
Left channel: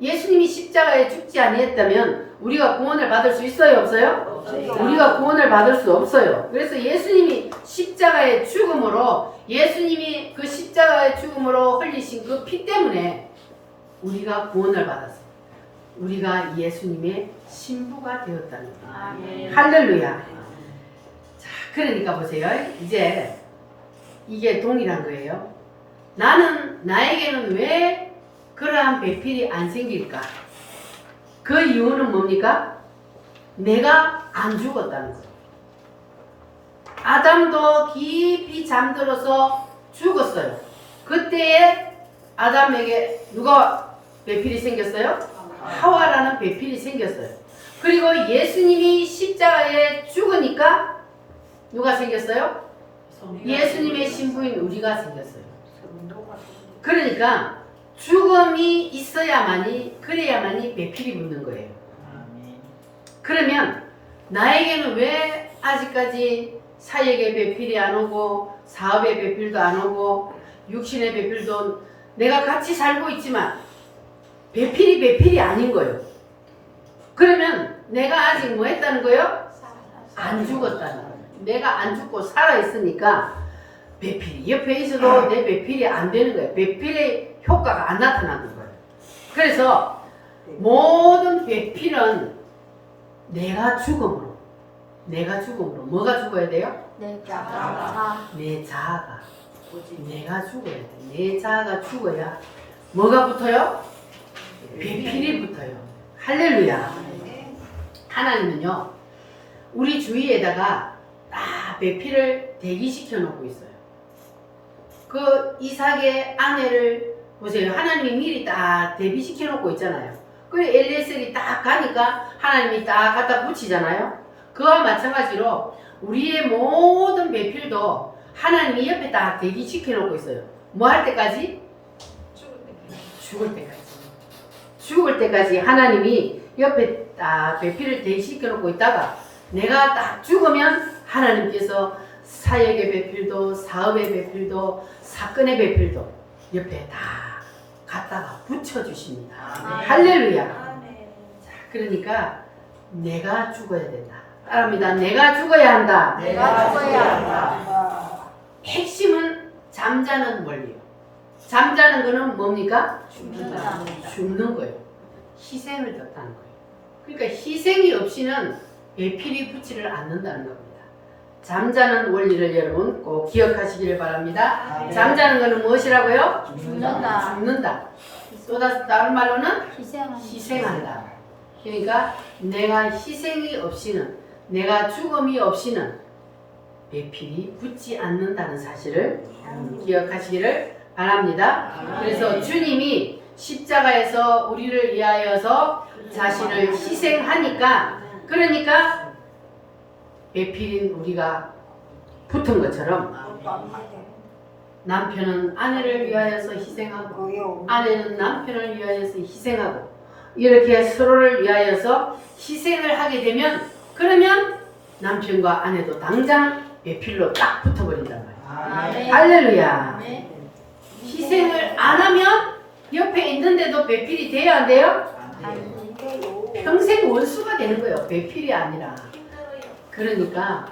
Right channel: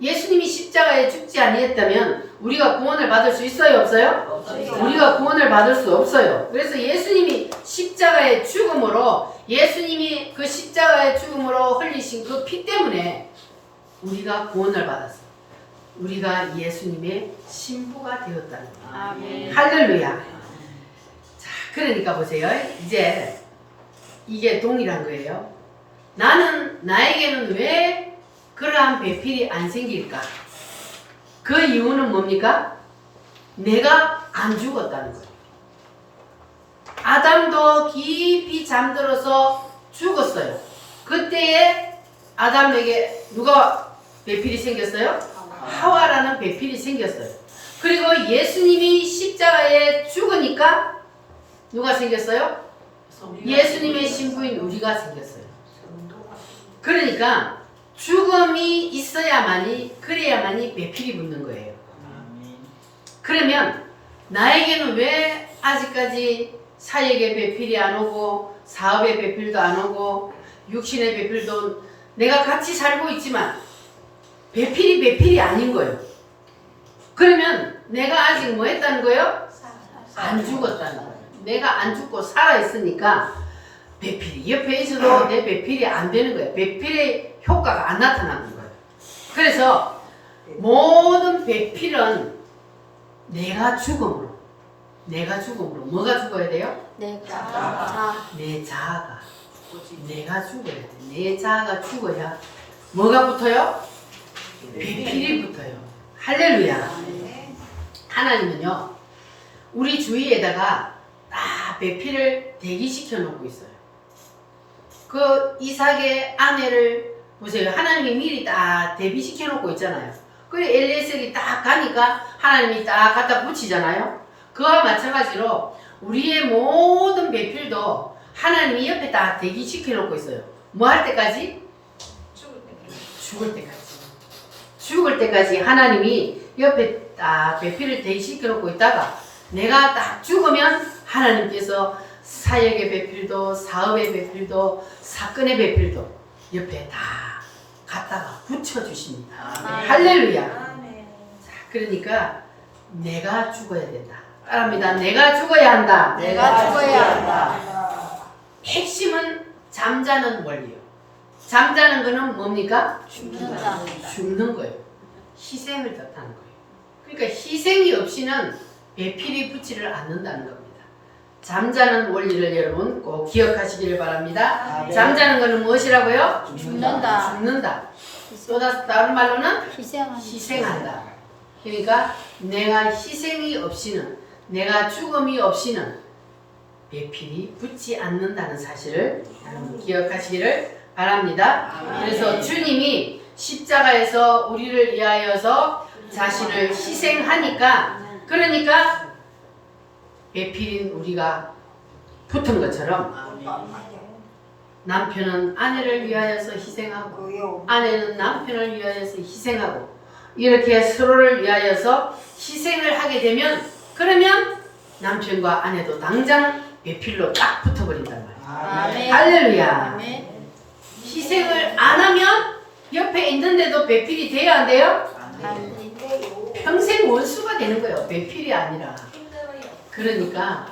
예수님이 십자가에 죽지 아니했다면 우리가 구원을 받을 수 있어요? 없어요? 우리가 구원을 받을 수 없어요. 그래서 예수님이 십자가의 죽음으로 예수님이 그 십자가의 죽음으로 흘리신 그 피 때문에 우리가 구원을 받았어요. 우리가 예수님의 신부가 되었다는 거예요. 할렐루야. 자, 그러니까 보세요. 이제 이게 동일한 거예요. 나에게는 왜 그러한 배필이 안 생길까? 그 이유는 뭡니까? 내가 안 죽었다는 거예요. 아담도 깊이 잠들어서 죽었어요. 그때에 아담에게 누가 배필이 생겼어요? 하와라는 배필이 생겼어요. 그리고 예수님이 십자가에 죽으니까 누가 생겼어요? 예수님의 신부인 우리가 생겼어요. 그러니까 죽음이 있어야만이 그래야만이 배필이 붙는 거예요. 그러면 나에게는 왜 아직까지 사역의 배필이 안 오고 사업의 배필도 안 오고 육신의 배필도 내가 같이 살고 있지만 배필이 아닌 거예요. 그러면 내가 아직 뭐 했다는 거예요? 안 죽었다는 거예요. 내가 안 죽고 살아있으니까 배필이 옆에 있어도 내 배필이 안 되는 거예요. 배필의 효과가 안 나타나는 거예요. 그래서 모든 배필은 내가 죽음으로. 내가 죽음으로. 뭐가 죽어야 돼요? 내 자아. 내 자아가. 내가 죽어야 돼. 내 자아가 죽어야 뭐가 붙어요? 배필이 붙어요. 할렐루야. 하나님은요, 우리 주위에다가 다 배필을 대기시켜 놓고 있어요. 그 이삭의 아내를 보세요. 하나님이 미리 다 대비시켜 놓고 있잖아요. 그래 엘리에셀이 딱 가니까 하나님이 딱 갖다 붙이잖아요. 그와 마찬가지로 우리의 모든 배필도 하나님이 옆에 다 대기시켜 놓고 있어요. 뭐 할 때까지? 죽을 때까지. 죽을 때까지 하나님이 옆에 딱 배필을 대기시켜 놓고 있다가 내가 딱 죽으면 하나님께서 사역의 배필도 사업의 배필도 사건의 배필도 옆에 다 갖다가 붙여주십니다. 할렐루야. 자, 그러니까 내가 죽어야 된다. 따라합니다. 내가 죽어야 한다. 내가 죽어야 한다. 핵심은 잠자는 원리요. 잠자는 거는 뭡니까? 죽는다. 죽는 거예요. 희생을 뜻하는 거예요. 그러니까 희생이 없이는 배필이 붙지를 않는다는 겁니다. 잠자는 원리를 여러분 꼭 기억하시기를 바랍니다. 잠자는 거는 무엇이라고요? 죽는다. 죽는다. 또 다른 말로는 희생한다. 희생한다. 그러니까 내가 희생이 없이는, 내가 죽음이 없이는 배필이 붙지 않는다는 사실을 여러분 기억하시기를 바랍니다. 그래서 주님이 십자가에서 우리를 위하여서 자신을 희생하니까, 그러니까 배필인 우리가 붙은 것처럼 남편은 아내를 위하여서 희생하고 아내는 남편을 위하여서 희생하고 이렇게 서로를 위하여서 희생을 하게 되면, 그러면 남편과 아내도 당장 배필로 딱 붙어버린단 말이에요. 아멘. 할렐루야. 아멘. 희생을 안 하면 옆에 있는데도 배필이 돼야 안 돼요? 아멘. 평생 원수가 되는 거예요. 배필이 아니라. 그러니까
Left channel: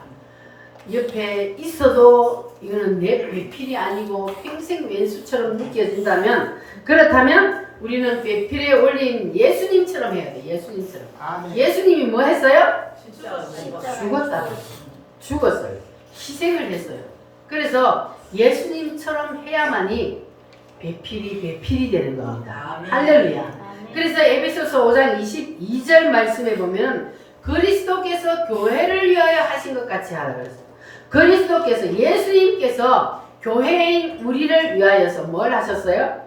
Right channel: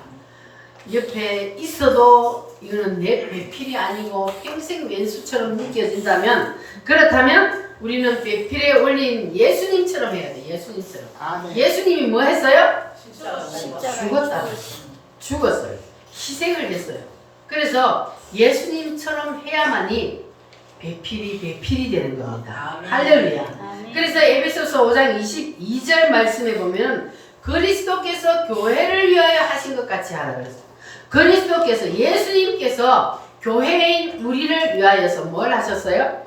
옆에 있어도 이거는 내 배필이 아니고 평생 왼수처럼 느껴진다면, 그렇다면 우리는 배필에 올린 예수님처럼 해야 돼. 예수님처럼. 예수님이 뭐 했어요? 죽었다. 죽었어요. 희생을 했어요. 그래서 예수님처럼 해야만이 배필이 되는 겁니다. 할렐루야. 그래서 에베소서 5장 22절 말씀에 보면 그리스도께서 교회를 위하여 하신 것 같이 하라 그랬어요. 그리스도께서, 예수님께서 교회인 우리를 위하여서 뭘 하셨어요?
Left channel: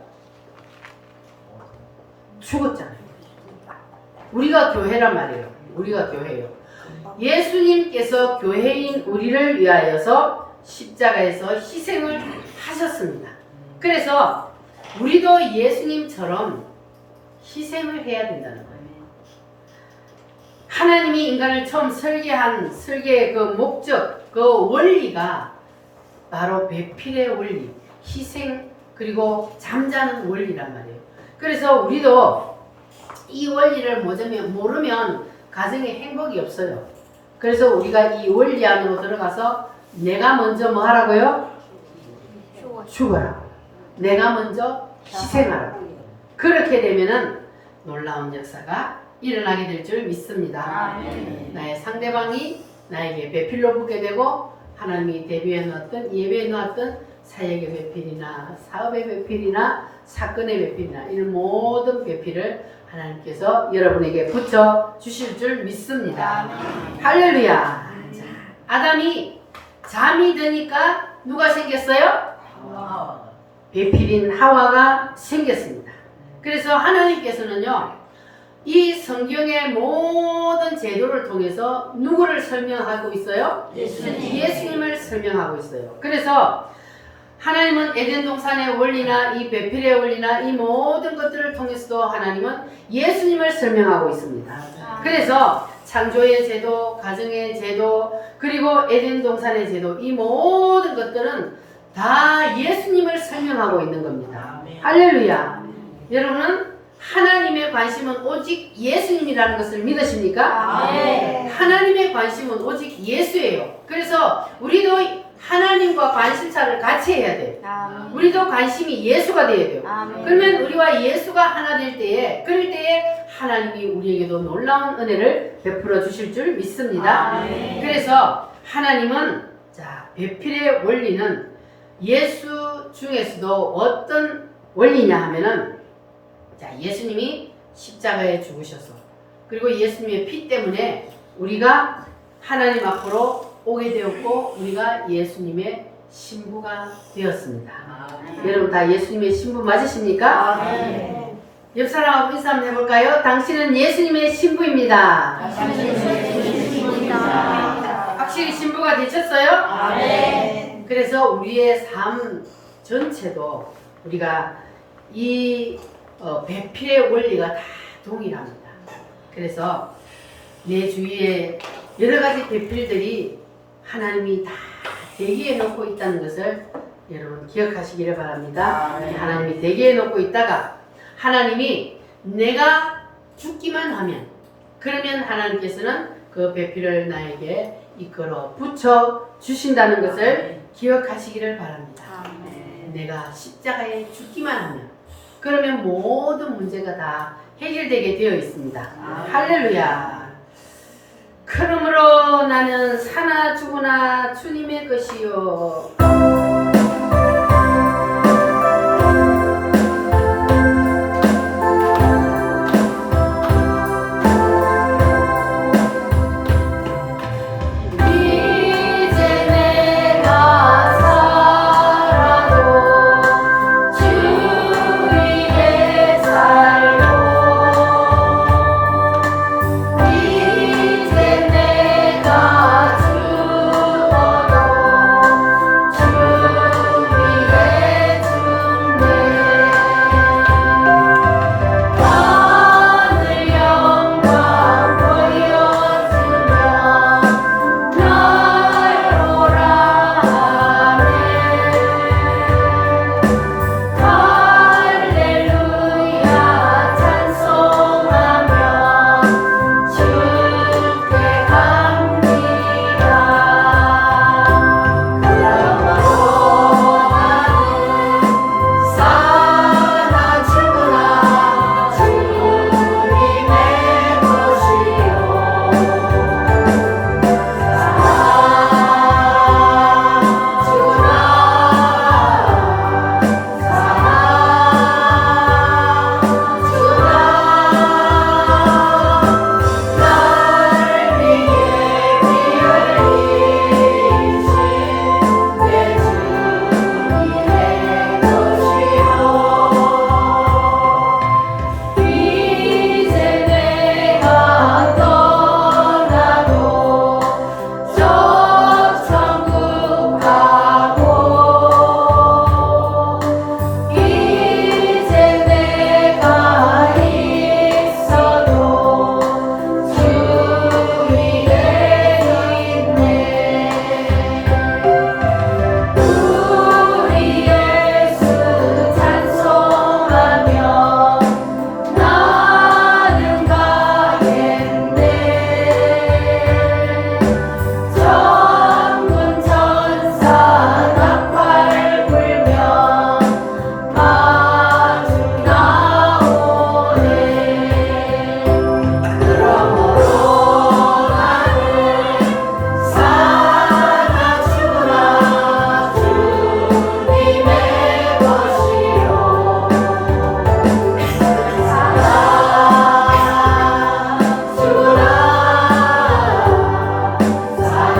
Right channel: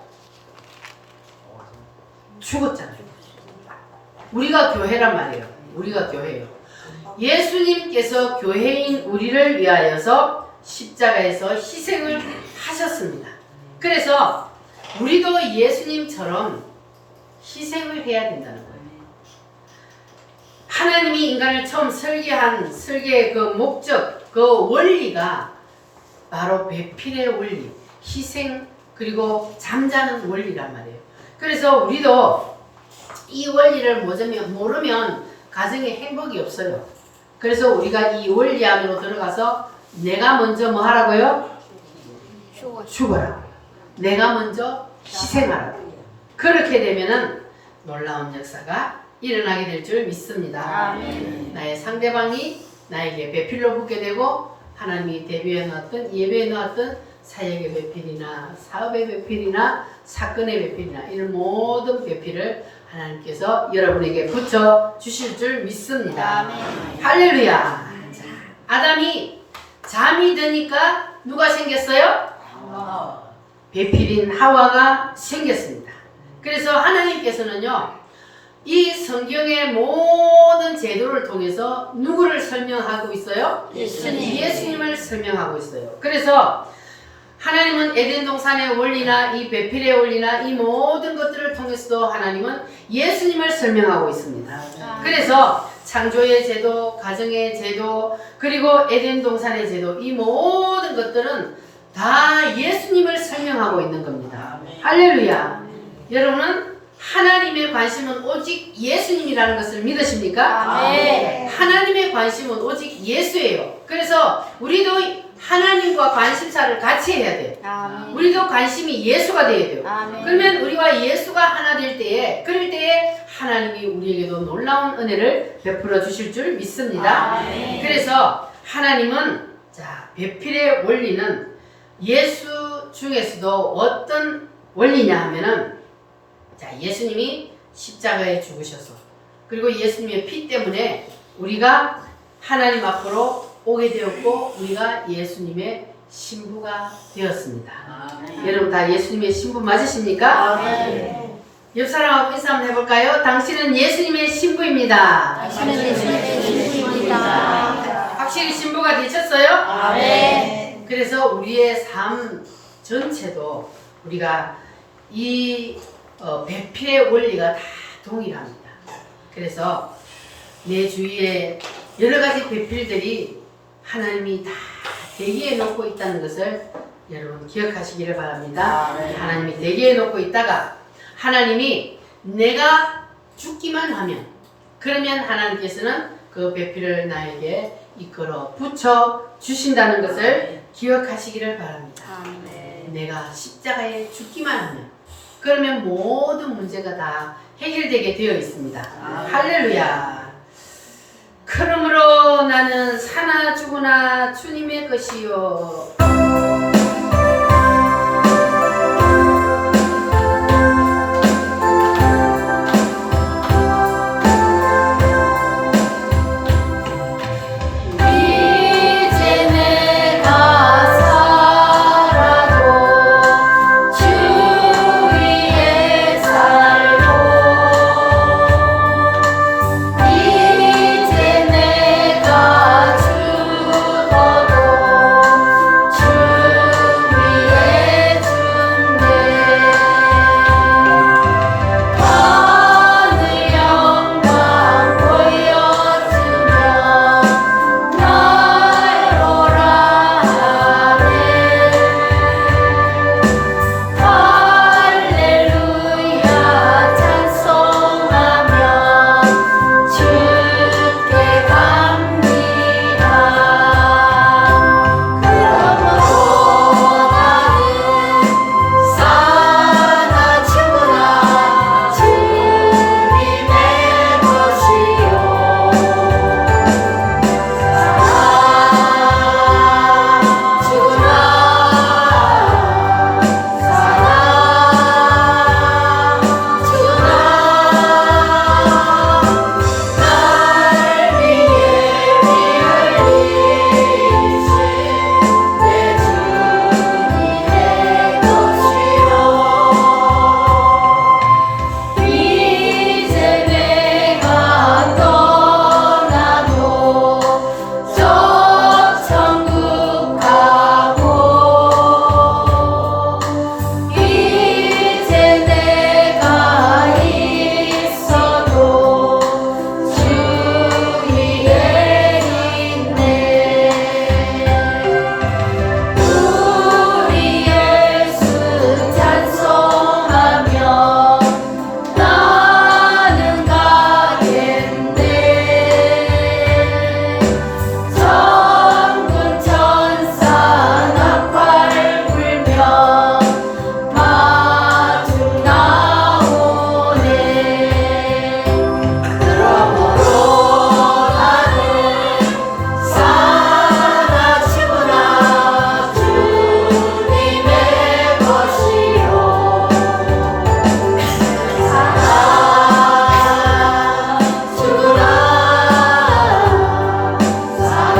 죽었잖아요. 우리가 교회란 말이에요. 우리가 교회예요. 예수님께서 교회인 우리를 위하여서 십자가에서 희생을 하셨습니다. 그래서 우리도 예수님처럼 희생을 해야 된다는 거예요. 하나님이 인간을 처음 설계한 설계의 그 목적, 그 원리가 바로 배필의 원리, 희생, 그리고 잠자는 원리란 말이에요. 그래서 우리도 이 원리를 모르면 가정에 행복이 없어요. 그래서 우리가 이 원리 안으로 들어가서 내가 먼저 뭐 하라고요? 죽어라. 내가 먼저 희생하라. 그렇게 되면은 놀라운 역사가 일어나게 될 줄 믿습니다. 아멘. 나의 상대방이 나에게 배필로 붙게 되고 하나님이 대비해 놓았던, 예배해 놓았던 사역의 배필이나 사업의 배필이나 사건의 배필이나 이런 모든 배필을 하나님께서 여러분에게 붙여 주실 줄 믿습니다. 아멘. 할렐루야. 자, 아담이 잠이 드니까 누가 생겼어요? 배필인 하와가 생겼습니다. 그래서 하나님께서는요, 이 성경의 모든 제도를 통해서 누구를 설명하고 있어요? 예수님을 설명하고 있어요. 그래서 하나님은 에덴 동산의 원리나 이 배필의 원리나 이 모든 것들을 통해서도 하나님은 예수님을 설명하고 있습니다. 그래서 창조의 제도, 가정의 제도, 그리고 에덴 동산의 제도, 이 모든 것들은 다 예수님을 설명하고 있는 겁니다. 할렐루야. 여러분은 하나님의 관심은 오직 예수님이라는 것을 믿으십니까? 아멘. 하나님의 관심은 오직 예수예요. 그래서 우리도 하나님과 관심사를 같이 해야 돼요. 아멘. 우리도 관심이 예수가 되어야 돼요. 아멘. 그러면 우리와 예수가 하나 될 때에 그럴 때에 하나님이 우리에게도 놀라운 은혜를 베풀어 주실 줄 믿습니다. 아멘. 그래서 하나님은 자 배필의 원리는 예수 중에서도 어떤 원리냐 하면은 자 예수님이 십자가에 죽으셔서 그리고 예수님의 피 때문에 우리가 하나님 앞으로 오게 되었고 우리가 예수님의 신부가 되었습니다. 여러분 다 예수님의 신부 맞으십니까? 아멘. 옆 사람하고 인사 한번 해볼까요? 당신은 예수님의 신부입니다. 당신은 예수님의 신부입니다. 확실히 신부가 되셨어요? 아멘. 그래서 우리의 삶 전체도 우리가 이 배필의 원리가 다 동일합니다. 그래서 내 주위에 여러 가지 배필들이 하나님이 다 대기해 놓고 있다는 것을 여러분 기억하시기를 바랍니다. 하나님이 대기해 놓고 있다가 하나님이 내가 죽기만 하면 그러면 하나님께서는 그 배필을 나에게 이끌어 붙여 주신다는 것을 기억하시기를 바랍니다. 내가 십자가에 죽기만 하면 그러면 모든 문제가 다 해결되게 되어 있습니다. 할렐루야. 그러므로 나는 사나 죽으나 주님의 것이요. 이제 내가 살아도 주 위에 살고 이제 내가 죽어도 주 위에 죽네 하늘 영광 보여주며 날 오라 하네 할렐루야 찬송하며 주께 갑니다. 그러므로 나는 사나 죽으나 주님의 것이요 이제 내가 떠나도 저 천국 가고 이제 내가 있어도 주 위에 있네 우리 예수 찬송하며 나는 가겠네 천군 천사 나팔 불며 마중 나오네 그러므로 나는 사나 죽으나 주님의 것이요 사나 죽으나 사나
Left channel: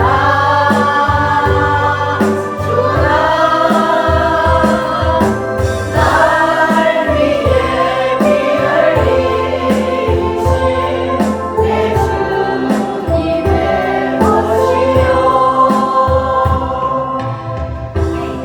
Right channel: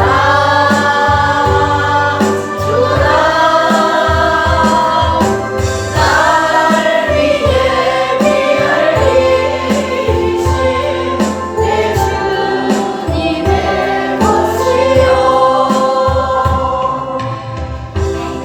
죽으나 날 위해 피 흘리신 내 주님의 것이요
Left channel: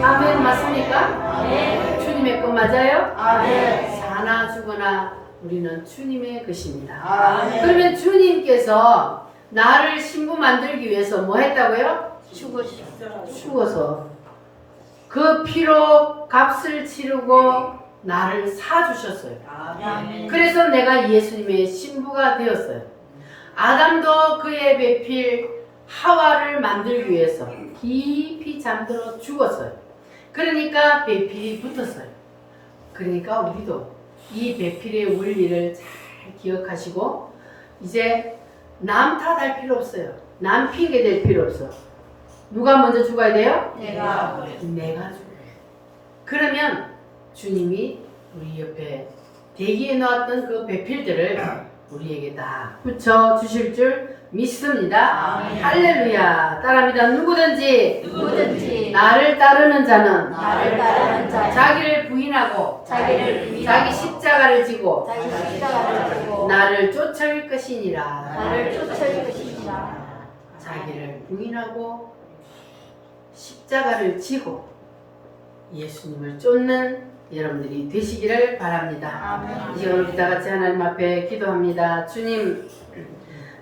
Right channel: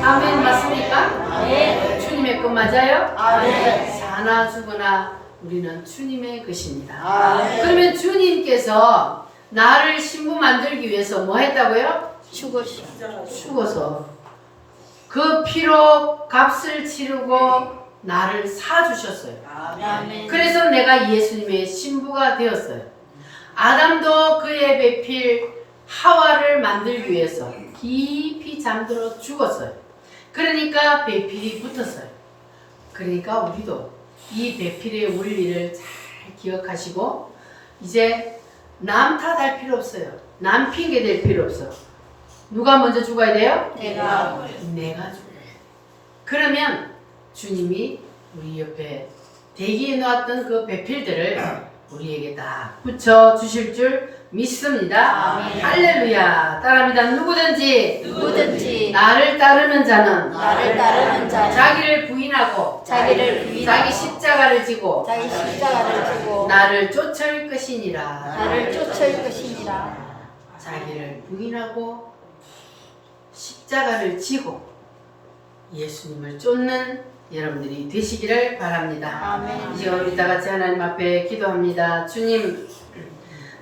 아멘 맞습니까? 네 주님의 것 맞아요? 사나 죽으나 우리는 주님의 것입니다. 그러면 주님께서 나를 신부 만들기 위해서 뭐 했다고요? 죽어서 그 피로 값을 치르고 나를 사주셨어요. 그래서 내가 예수님의 신부가 되었어요. 아담도 그의 배필 하와를 만들기 위해서 깊이 잠들어 죽었어요. 그러니까 배필이 붙었어요. 그러니까 우리도 이 배필의 원리를 잘 기억하시고 이제 남 탓할 필요 없어요. 남 핑계 댈 필요 없어. 누가 먼저 죽어야 돼요? 내가 내가 죽어요. 그러면 주님이 우리 옆에 대기해 놓았던 그 배필들을 우리에게 다 붙여 주실 줄 믿습니다. 아멘. 할렐루야. 따라합니다. 누구든지 나를 따르는 자는 나를 따르는 자 자기를 부인하고 자기를 부인하고 자기 십자가를 지고 자기 십자가를 지고 나를 쫓을 것이니라. 나를 쫓을 것이니라. 자기를 부인하고 십자가를 지고 예수님을 쫓는 여러분들이 되시기를 바랍니다. 아멘. 이 시간 우리 다 같이 하나님 앞에 기도합니다. 주님,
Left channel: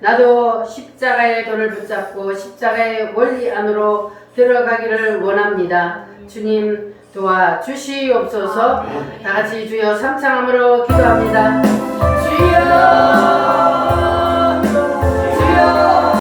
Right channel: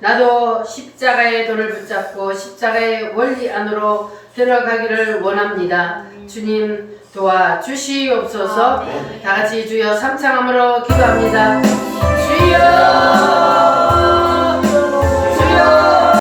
나도 십자가의 돈을 붙잡고 십자가의 원리 안으로 들어가기를 원합니다. 주님 도와주시옵소서. 다 같이 주여 삼창함으로 기도합니다. 주여